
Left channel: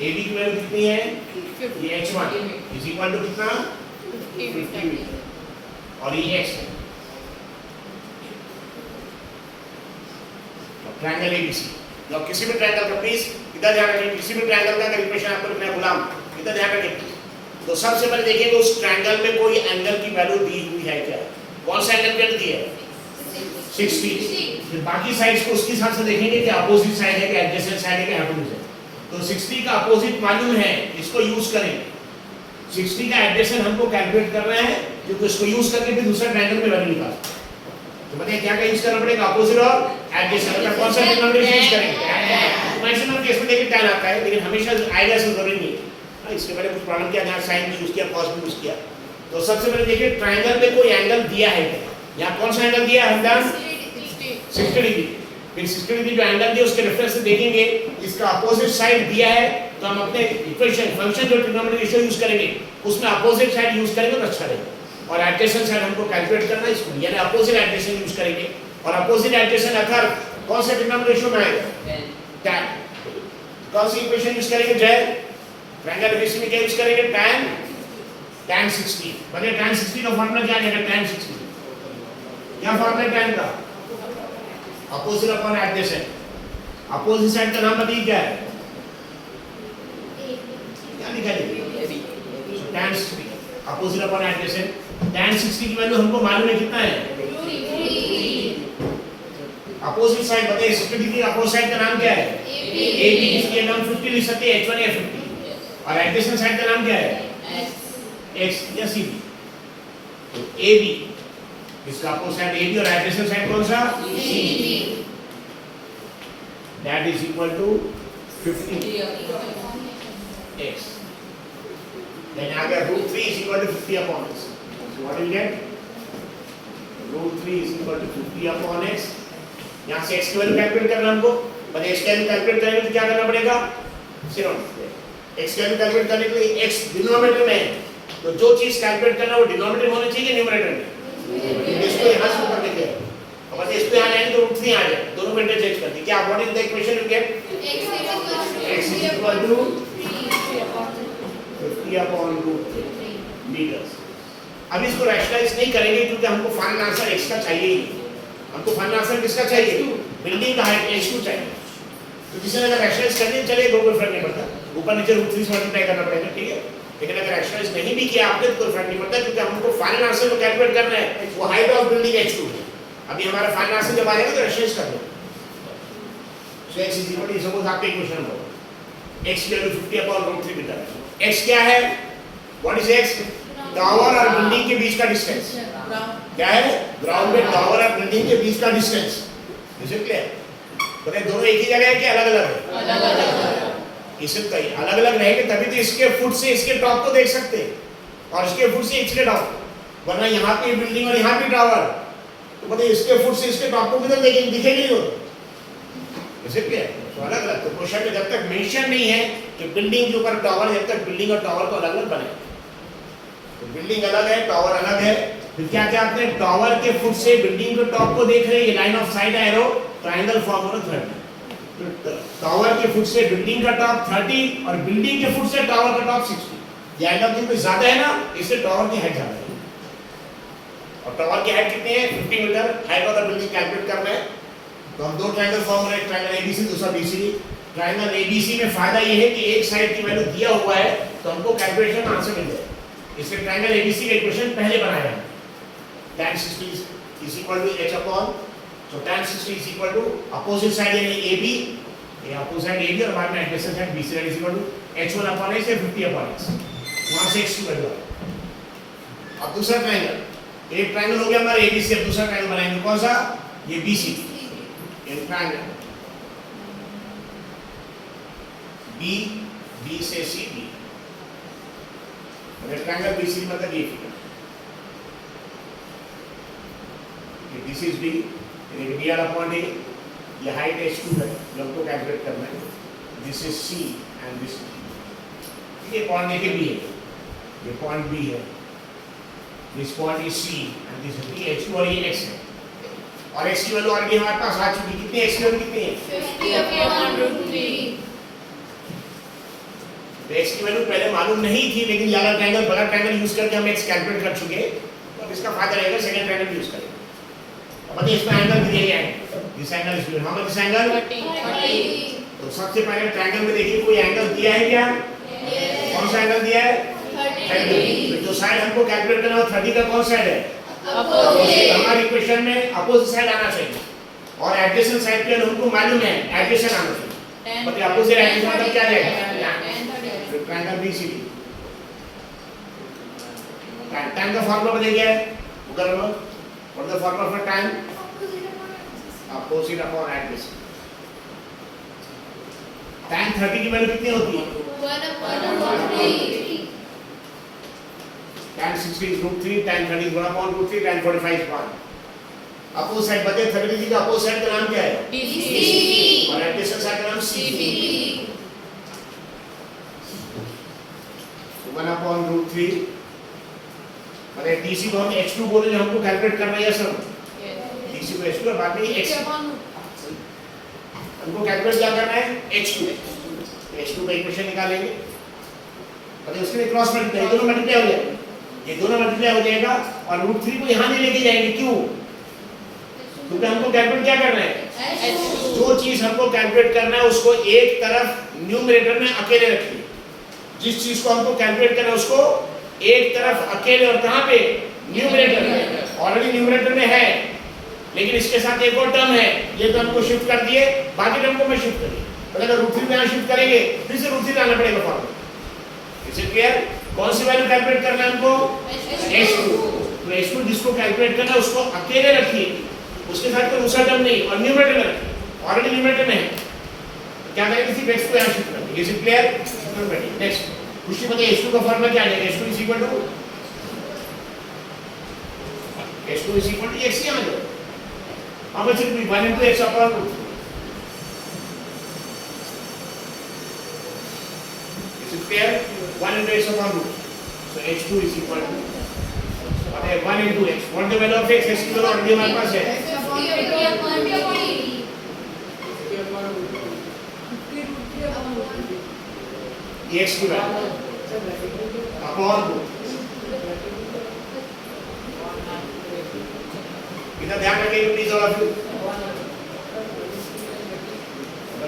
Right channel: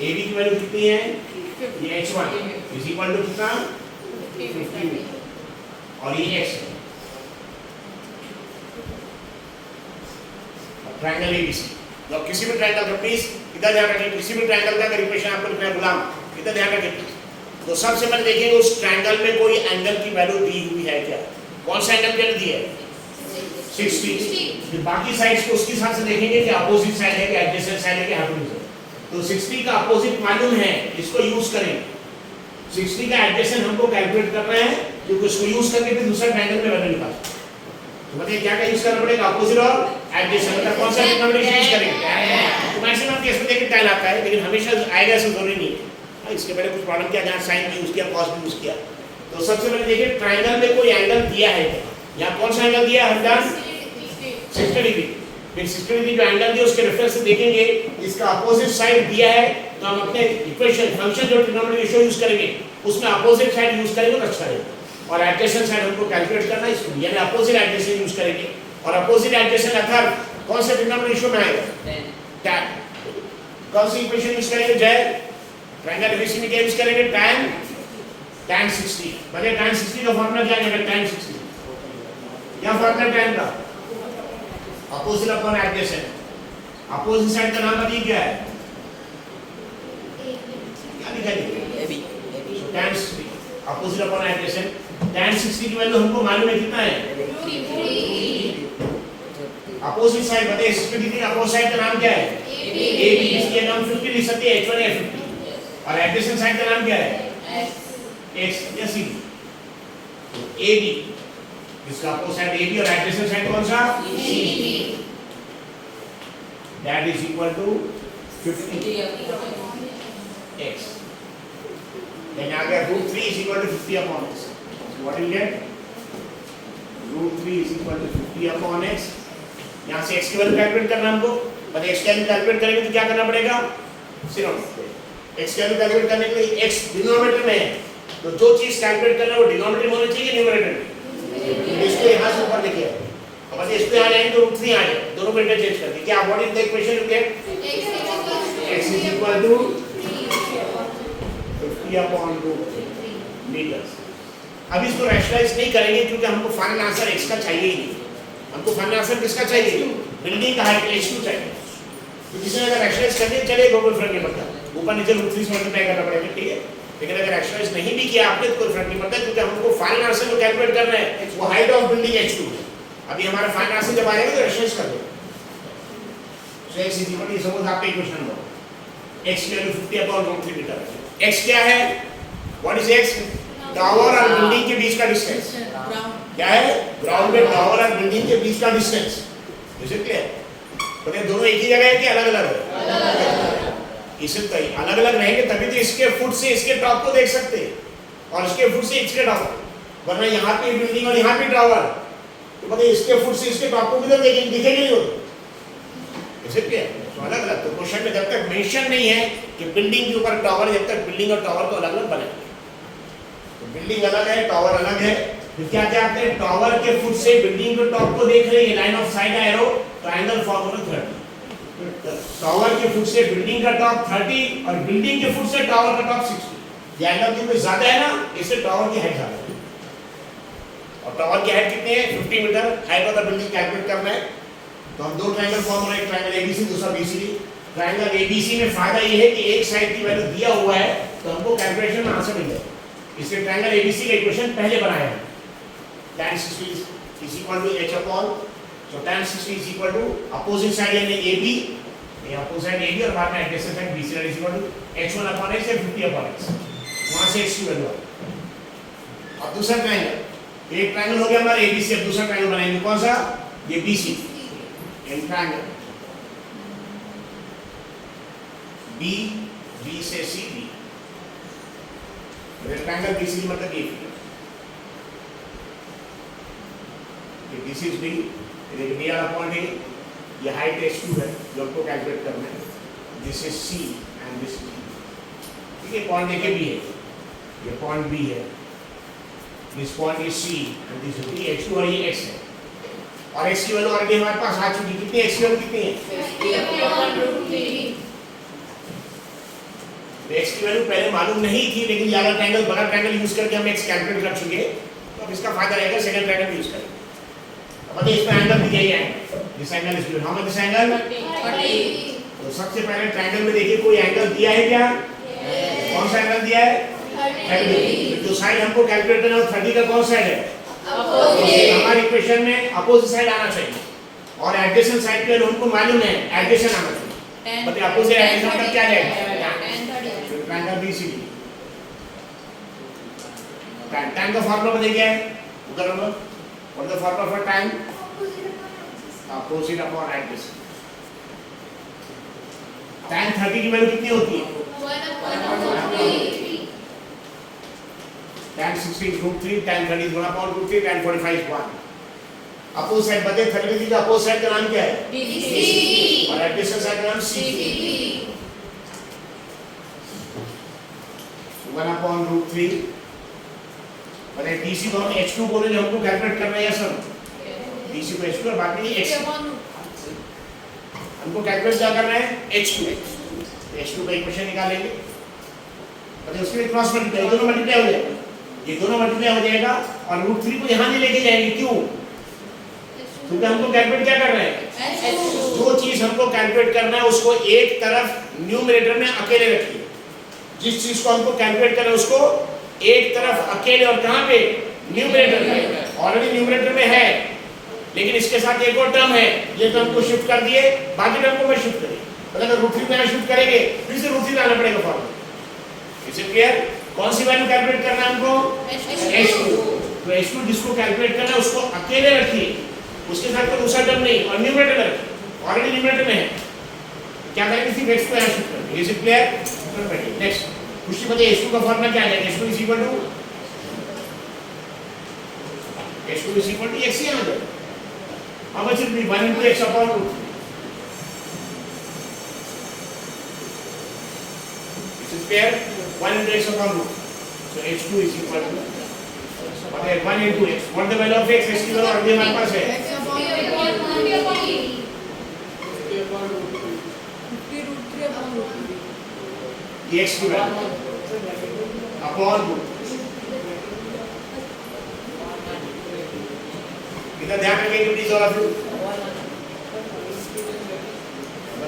AB की वैल्यू कितनी है? ये h1 इज इक्वल टू कितना? 50 मीटर, और ये x है। ट्रायंगल ABC, तो किसी भी ट्रायंगल का प्लीज इधर ध्यान रखें, किसी भी ट्रायंगल का अगर इक्वेशन आपको लिखना है गुलाम, इधर ध्यान रखें। तो सबसे पहले देखिएगा उस ट्रायंगल में कोई एंगल की वैल्यू दी हुई है क्या? कौन सा एंगल की वैल्यू दी है? 60। फिर बाकी साइड्स को उसके हिसाब से देखेंगे कि अपोजिट साइड है, कि एडजेसेंट साइड है, कि हाइपोटेन्यूज है। तो 60 का अपोजिट मालूम है, इसको यूज करें। 60 का एडजेसेंट हमको कैलकुलेट करना है, क्योंकि इसको यूज करके फिर दूसरा ट्रायंगल में वैल्यू निकाल। तो बताइए क्या क्या यूज करना पड़ेगा? अपोजिट और एडजेसेंट। मतलब कौन सा डिनोमिनेशन यूज करेंगे? तो मैक्सिमम केस में देखिए tan आता है, लेकिन हमेशा आएगा ऐसा जरूरी नहीं है। इसके पहले कुछ प्रॉब्लम किया, जहाँ साइन भी यूज किया, कॉस भी यूज किया। तो सबसे पहले देखिए ट्रायंगल में कोई एंगल दिया है क्या? यहाँ कौन सा एंगल दिया है? 60 डिग्री। फिर 60 डिग्री जो एंगल दिया उसके रेफरेंस से देखेंगे, इसका अपोजिट साइड दिया है, तो हम अपने इक्वेशन फंक्शन जो ट्रिग्नोमेट्रिक रेशियो यूज करेंगे उसमें अपोजिट साइड यूज करेंगे तो अच्छा रहेगा। और एडजेसेंट साइड हमको कैलकुलेट करना है, इसको यानी अपोजिट एडजेसेंट यूज करेंगे। और अपोजिट एडजेसेंट अर्थात कौन से ट्रिग्नोमेट्रिक रेशियो में आएगा? tan। कौन सी इक्वेशन यूज करेंगे? जय ट्रायंगल ABC में क्या यूज करेंगे? tan tan 60 बने tan 60 का फॉर्मूला क्या है tan 60 क्या फॉर्मूला tan का opposite upon adjacent opposite side का नाम बताइए क्या है क्या लिखा है tan 60 opposite upon adjacent tan 60 की वैल्यू हमको मालूम है कितना है अपोजिट साइड बताइए 60 डिग्री अपोजिट साइड का नाम क्या है AB इसके नाम 50 लिख सकते हैं H1 या 50 और एडजेसेंट साइड का नाम क्या है X या C तो AB इसका अपोजिट साइड AB और एडजेसेंट साइड कौन सा CD that is equal to 50 X then आ गया root 3 is equal to 50 upon X so what will you get root 3 is equal to 50 upon X यहाँ से x की value calculate करना हमको मतलब x की वैल्यू कैलकुलेट करेंगे तो क्या करना पड़ेगा सिर्फ x की वैल्यू कैलकुलेट करने के लिए x डिनोमिनेटर में है तो जो चीज कैलकुलेट करना वो डिनोमिनेटर में होना चाहिए न्यूमरेटर में इसको यहाँ से ऊपर लेके आए और बस इसको यहाँ लाएंगे तो रूट 3 आ जाए दोनों को इंटरचेंज कर दें क्या what is the equation you get x is equal to 50 upon root 3 meters अब इसको रैशनलाइज नहीं करेंगे क्योंकि हमको फाइनल आंसर x का चाहिए ही नहीं हमको फाइनल आंसर किसका चाहिए बिल्डिंग का हाइट h2 चाहिए तो किसी ने अगर रैशनलाइज करने चलेगा कोई फर्क नहीं पड़ता ऊपर नीचे रूट 3 से मल्टीप्लाई करना पड़ेगा ठीक है लेकिन अगर रैशनलाइज नहीं भी किया आपने तो कोई फर्क नहीं पड़ता क्योंकि हमको फाइनल आंसर जो कैलकुलेट करना है वो हाइट ऑफ बिल्डिंग h2 अभी हमारा फाइनल आंसर जब आएगा तो रैशनलाइज कर दो so x is equal to suppose आपका इक्वेशन नंबर x की value 50 upon root 3 metre x क्या है व्हाट इज x टावर और बिल्डिंग के बीच का डिस्टेंस क्या है ग्राउंड में टावर और बिल्डिंग के बीच का डिस्टेंस इज इट क्लियर बताइए दोनों एक ही जगह है कि अलग-अलग है अलग-अलग इसे कहीं अलग-अलग रहेंगे तभी तो इसके फुट से इसके टॉप को देख सकते हैं और इसके फुट से इसके टॉप वरना यहाँ पे बिल्डिंग और यहाँ पे टावर तो बताइए इसके फुट से इसके टॉप को भी तो देखेंगे दिखेंगे नहीं वो इज इट क्लियर तो अलग-अलग तो क्वेश्चन में जब तक मेंशन नहीं है कि बिल्डिंग के ऊपर टावर जब तक बिल्डिंग और टावर को अलग-अलग बने तो बिल्डिंग अलग है टावर अलग है फिर क्या क्या आपने टावर के फुट से बिल्डिंग के टॉप को देख रहे हैं line of side arrow triangle form होगा 30 टावर के फुट से बिल्डिंग का टॉप 30 और बिल्डिंग के फुट से टावर का टॉप 60 ये एंगल क्योंकि ज्यादा है ना इससे टावर की हाइट ज्यादा है और टावर की हाइट कितनी है 50 metre height of the building calculate करना है तो हम दो ट्रायंगल फॉर्म रहे ट्रायंगल एबीसी दूसरा बीसीडी ट्रायंगल एबीसी में फायदा ये है कि एक साइड की वैल्यू दिया हुआ है तो हमको कैलकुलेशन में आंसर मिल जाए इसलिए ट्रायंगल एबीसी का इक्वेशन पहले बनाया है tan 60 is equal to h upon so tan 60 is equal to opposite side यानी AB ये opposite side AB और बाद में adjacent side BC is equal to h1 upon x या 50 upon x वहाँ से x की वैल्यू आ गई अब दूसरा ट्रायंगल एक ट्रायंगल हो गया हमारा ABC अब दूसरा ट्रायंगल बनाएंगे कौन सा ये BC इन ट्रायंगल B से C B ट्रायंगल BC मतलब ये फिगर this is B ये B वाला पॉइंट है ये हाइट h2 है लोग को कैलकुलेट करना है this is C and this is ठीक है पॉइंट देखे B है ये पॉइंट B है this point is C and this is B h2 और ये x है और x की वैल्यू ऑलरेडी हमारे पास आ चुकी कितनी x की वैल्यू कितनी है 50 upon root 3 तो x की वैल्यू पहले मालूम नहीं थी लेकिन ये वाला ट्रायंगल बड़ा ट्रायंगल यूज करके हम x कैलकुलेट कर चुके तो अब इसका फायदा रहेगा सेकंड ट्रायंगल यूज करेंगे मतलब इसमें एंगल दिया ही है this angle is given how much this angle 30 तो सबसे पहले ट्रायंगल में देखिए कोई एंगल दिया है क्या कौन सा एंगल दिया है 30 जो साइड हमको कैलकुलेट करना है वो 30 का कौन साइड है अपोजिट हमारी इक्वेशन में अपोजिट साइड आना चाहिए और एडजेसेंट साइड पे हमको मालूम है एडजेसेंट आना चाहिए मतलब अपोजिट एडजेसेंट मतलब क्या जाएगा ट्रायंगल BCD tan का फार्मूला बताइए क्या है वो कर लो What is the formula for tan? Opposite upon adjacent. Tan 30 की वैल्यू कितनी होती है? 1 upon root 3 Tan 60 is root 3, tan 30 is 1 upon root 3, tan 45 is 1. Opposite side बताइए 30 डिग्री का अपोजिट साइड का नाम क्या है? BC और एडजेसेंट साइड का नाम CD. 1 upon root 3 मतलब DC को हम h2 बोले जो हमको कैलकुलेट करना है सब DC को h2 और बाद में x हमको कैलकुलेट क्या करना है h2 का इक्वेशन निकालेंगे मतलब उसके क्रॉस मल्टीप्लाई दोनों मल्टीप्लाई हो जाएगा ये दोनों मल्टीप्लाई हो जाएगा और रूट 3 को यहाँ नहीं लेके जाएंगे, क्यों? क्योंकि हमको कैलकुलेट क्या करना है? जो चीज हमको कैलकुलेट करना है उसको एक तरफ न्यूमरेटर में अकेले रखिए। जिस चीज को हमको कैलकुलेट करना है उसको एक तरफ अकेले, और कहाँ पे? न्यूमरेटर में। ऑलरेडी न्यूमरेटर में है, लेकिन इसके साथ एक और टर्म है, ये टर्म को शिफ्ट कर दिए, बाकी टर्म को मैं शिफ्ट करिए। मतलब अगर रूट 3 में शिफ्ट करेंगे फिर से रूट 3 लाना पड़ेगा फॉर्मूला। Is it clear? कौन सी वैल्यू कैलकुलेट करना है हमको? h2। तो h2 जिसको कैलकुलेट करना है उसको अकेले रखिए, उसके साथ कोई दूसरा टर्म नहीं, और न्यूमरेटर में रखिए, ऑलरेडी न्यूमरेटर में है। क्या करेंगे? सिर्फ x को यहाँ शिफ्ट करेंगे। Is it clear? नेक्स्ट कुछ बताइए, h2 का फॉर्मूला क्या है? h2 is equal to x ही आ जाए। how much will be 1 into x upon root 3? This is clear? 1 into x upon root 3. So h2 is equal to what है? 1 into x. What the value of x? x की value already हमारे पास है। x की value upon root. इधर ध्यान रखिए please all of you.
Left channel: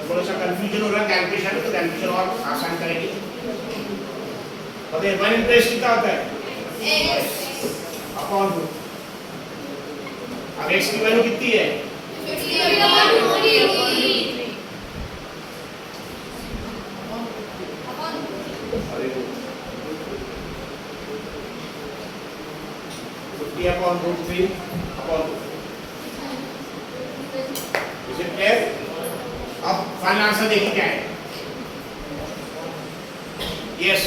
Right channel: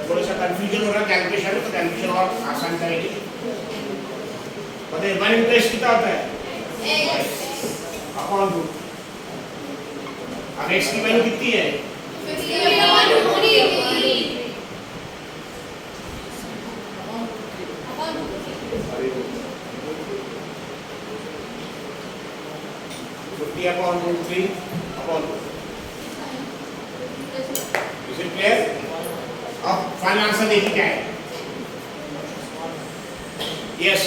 थोड़ा सा कंफ्यूजन हो रहा है कैलकुलेशन में, तो कैलकुलेशन और आसान करेंगे। पता है 1 इंटू x कितना होता है? Upon root. अब x की वैल्यू कितनी है? Upon root 3 upon. Is it clear? अब फाइनल आंसर देखिए क्या है। यस,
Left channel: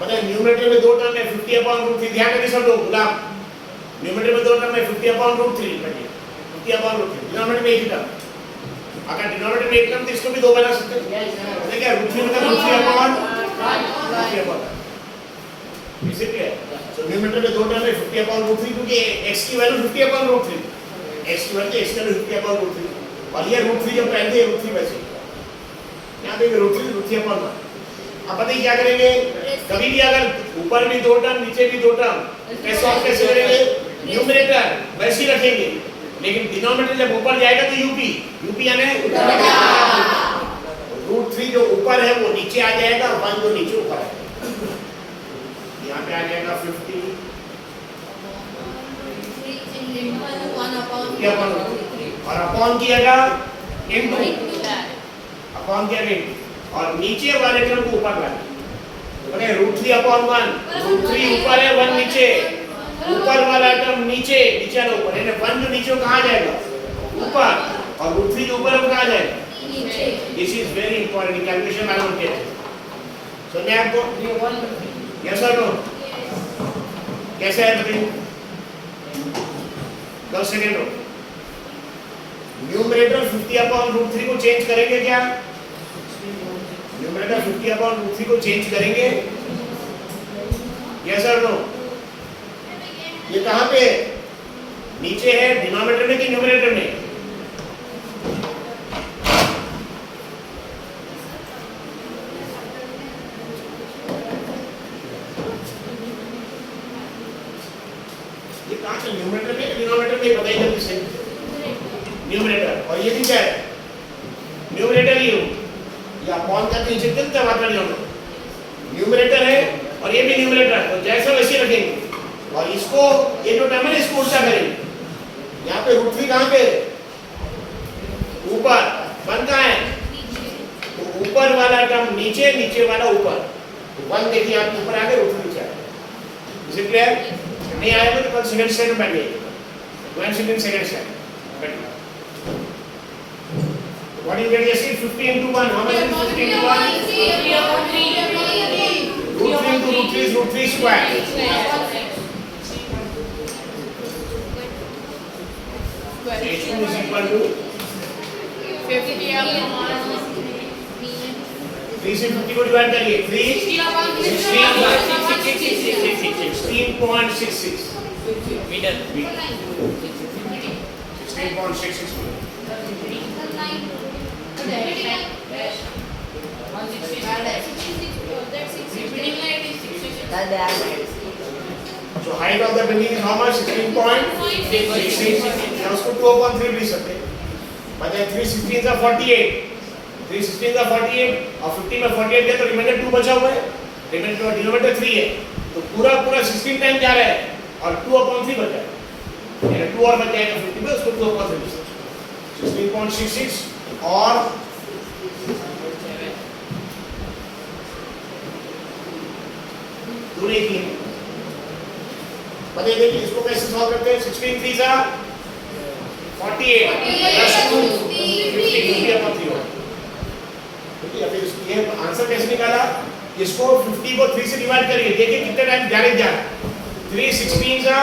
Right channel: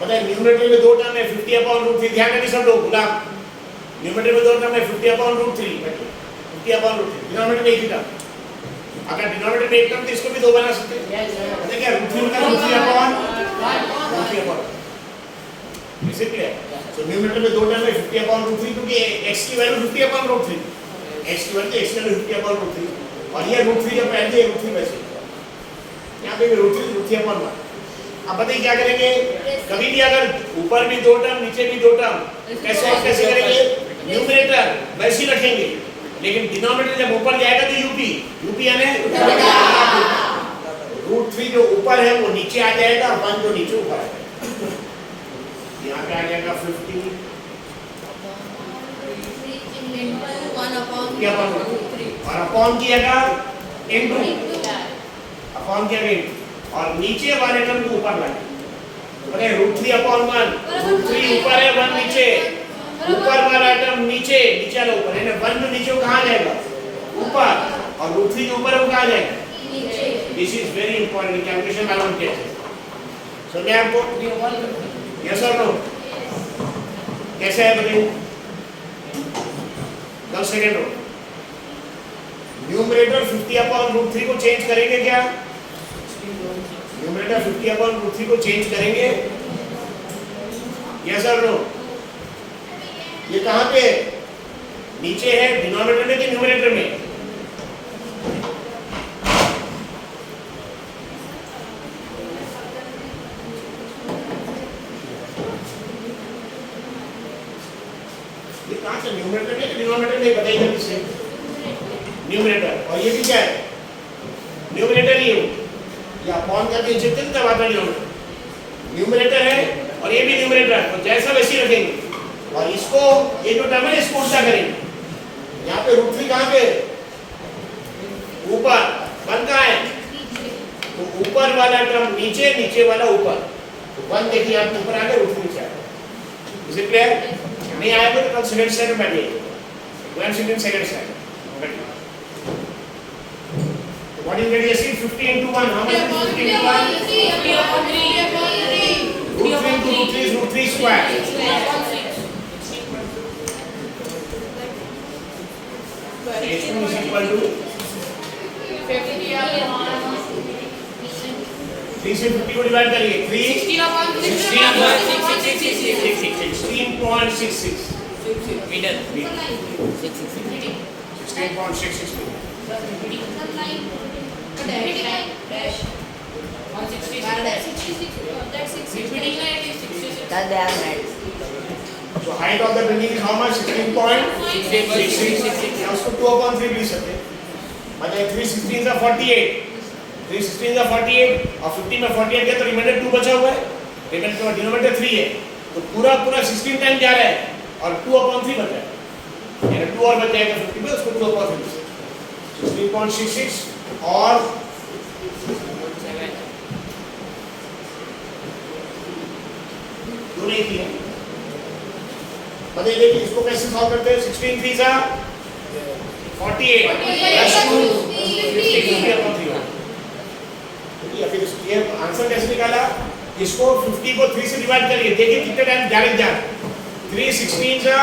पता है न्यूमरेटर में दो टर्म है 50 अपॉन रूट 3। ध्यान रखिए सब लोग, गुलाब। न्यूमरेटर में दो टर्म है 50 upon root 3, 50 upon root 3। Denominator में एक ही टर्म। अगर डिनोमिनेटर में एक टर्म तो इसको भी दो बना सकते हैं। पता है क्या? रूट 3 मतलब root 3 upon root 3 upon. Is it clear? So numerator में दो टर्म है 50 अपॉन रूट 3, क्योंकि x की वैल्यू 50 अपॉन रूट 3, x की वैल्यू x की वैल्यू 50 अपॉन रूट 3, और ये रूट 3 जब पहले रूट 3 वैसे यहाँ पे रूट 3 अपॉन 1। अब बताइए क्या करेंगे? कभी भी अगर ऊपर भी दो टर्म नीचे भी दो टर्म, कैसे सॉल्व कैसे करेंगे? न्यूमरेटर वैसे ही रखेंगे, लेकिन डिनोमिनेटर जब ऊपर जाएगा तो यूपी यानी रूट 3 जो ऊपर है वो नीचे आ जाएगा, 1 जो नीचे ऊपर आएगा। यहाँ पे आ जाएगा 50 और अपॉन किएगा इनटू, अपॉन किएगा इनटू, और नीचे वाले टर्म को ऊपर लाएंगे। पता है रूट 3 अपॉन 1, रूट 3 ऊपर है 1 नीचे, ऊपर वाला टर्म नीचे, नीचे वाला ऊपर, यानी 1 जो नीचे कहाँ जाएगा? ऊपर, और रूट 3 जो ऊपर है वो कहाँ जाएगा? This is very important calculation मालूम कैसे समझे आपको? यस और नो? कैसे है बताइए? 10 second row. Numerator 50 upon root 3 को चेंज करेंगे क्या? न्यूमरेटर 50 अपॉन रूट 3 को चेंज करेंगे? यस और नो? ये कहाँ पे? नीचे है डिनोमिनेटर में कि न्यूमरेटर में? ये कहाँ से? न्यूमरेटर में डिनोमिनेटर में? बताइए जल्दी से। न्यूमरेटर, और ये भी क्या है? न्यूमरेटर ही हो या अपॉन का तो इंजेक्ट करता है न्यूमरेटर है, और ये भी न्यूमरेटर है, तो जैसा वैसे रखेंगे, और इसको ये जो टर्म है इसको उल्टा करेंगे। यहाँ पे रूट 3 कहाँ पे? ऊपर, 1 कहाँ है? तो ऊपर वाला टर्म नीचे, नीचे वाला ऊपर, तो 1 देखिए आप ऊपर आ गए, रूट 3 नीचे आ गए। Is it clear? नहीं आएगा तो कल सेकंड स्लाइड में बैठिए, 1 सेकंड सेकंड स्लाइड बैठिए। What is that? 50 into 1. How much is 50 into 1? Root 3 into root 3 is root 3 square. H2 is equal to 3 से 50 को डिवाइड करिए। 16.66 metre. 16.66 That's height of the building is how much 16.66 या उसको 2/3 लिख सकते हैं मतलब 316 का 48 316 का 48 और 50 में 48 है तो रिमाइंडर 2 बचा हुआ है रिमाइंडर डिनोमिनेटर 3 है तो पूरा 16 टाइम जा रहा है और 2/3 बचा है यानी 2 और बच जाएगा 50 में उसको 2/3 16.66 और 2 नहीं किए बताइए इसको कैसे सॉल्व करते हैं 16 3 सा 48 प्लस 2 50/3 होगा ठीक है फिर ये आंसर कैसे निकाला इसको 50 को 3 से डिवाइड करिए देखिए कितने टाइम डायरेक्ट जा रहा है 316 का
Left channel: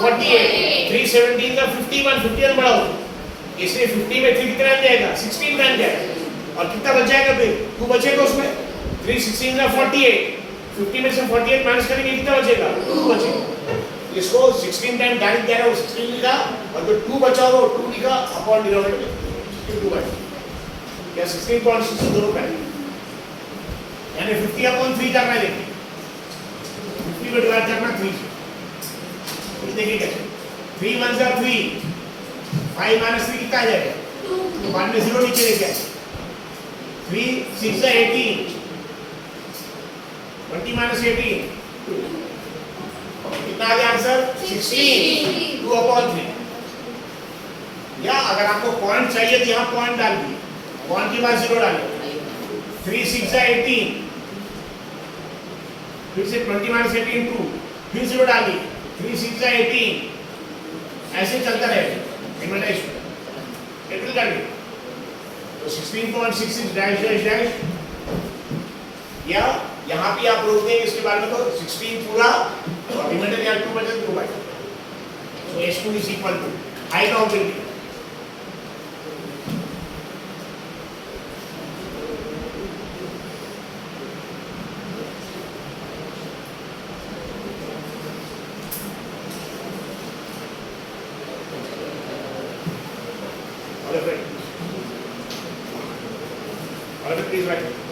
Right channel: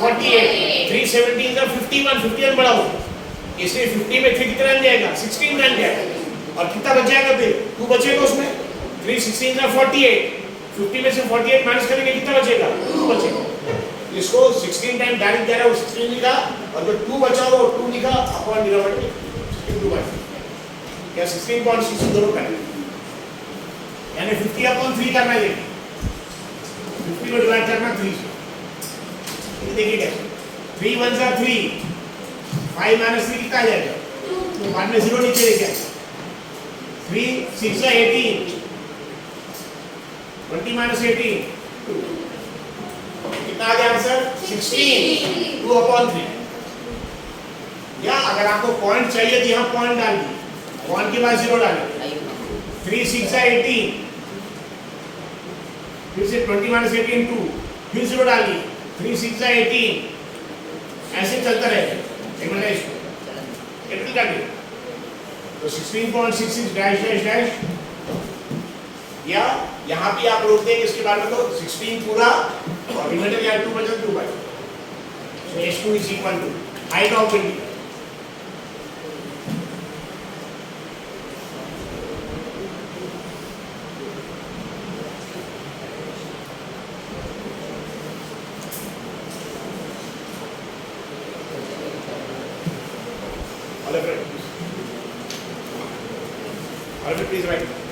48 317 का 51 बढ़ाओ इसलिए 50 में 3 कितना टाइम जाएगा 16 टाइम जाएगा और कितना बच जाएगा फिर 2 बचेगा उसमें 316 का 48 50 में से 48 माइनस करेंगे कितना बचेगा 2 बचेगा इसको 16 टाइम डायरेक्ट जा रहा है वो 16 लिखा और जो 2 बचा वो 2 लिखा अपॉन डिनोमिनेटर 2 बाय या 16.6 दोनों का यानी 50/3 करना है देखिए 50 को डिवाइड करना 3 से ये देखिए कैसे 3 1 जा 3 5 माइनस 3 कितना आ जाएगा 2 बाद में 0 नीचे लेके आए 3 6 जा 18 20 माइनस 18 2 कितना आ गया आंसर 16 2/3 या अगर आपको पॉइंट चाहिए तो यहाँ पॉइंट डाल दीजिए पॉइंट के बाद 0 डालिए 3 6 जा 18 फिर से 20 माइनस 18 2 फिर 0 डालिए 3 6 जा 18 ऐसे चलता रहेगा इमेटाइजेशन एप्रिल काटिए तो 16.66 डैश डैश डैश या यहाँ भी आप रोक देंगे इसके बाद में तो 16 पूरा और रिमाइंडर यहाँ 2 बचा 2 by so h2 is equal to height of building Please write.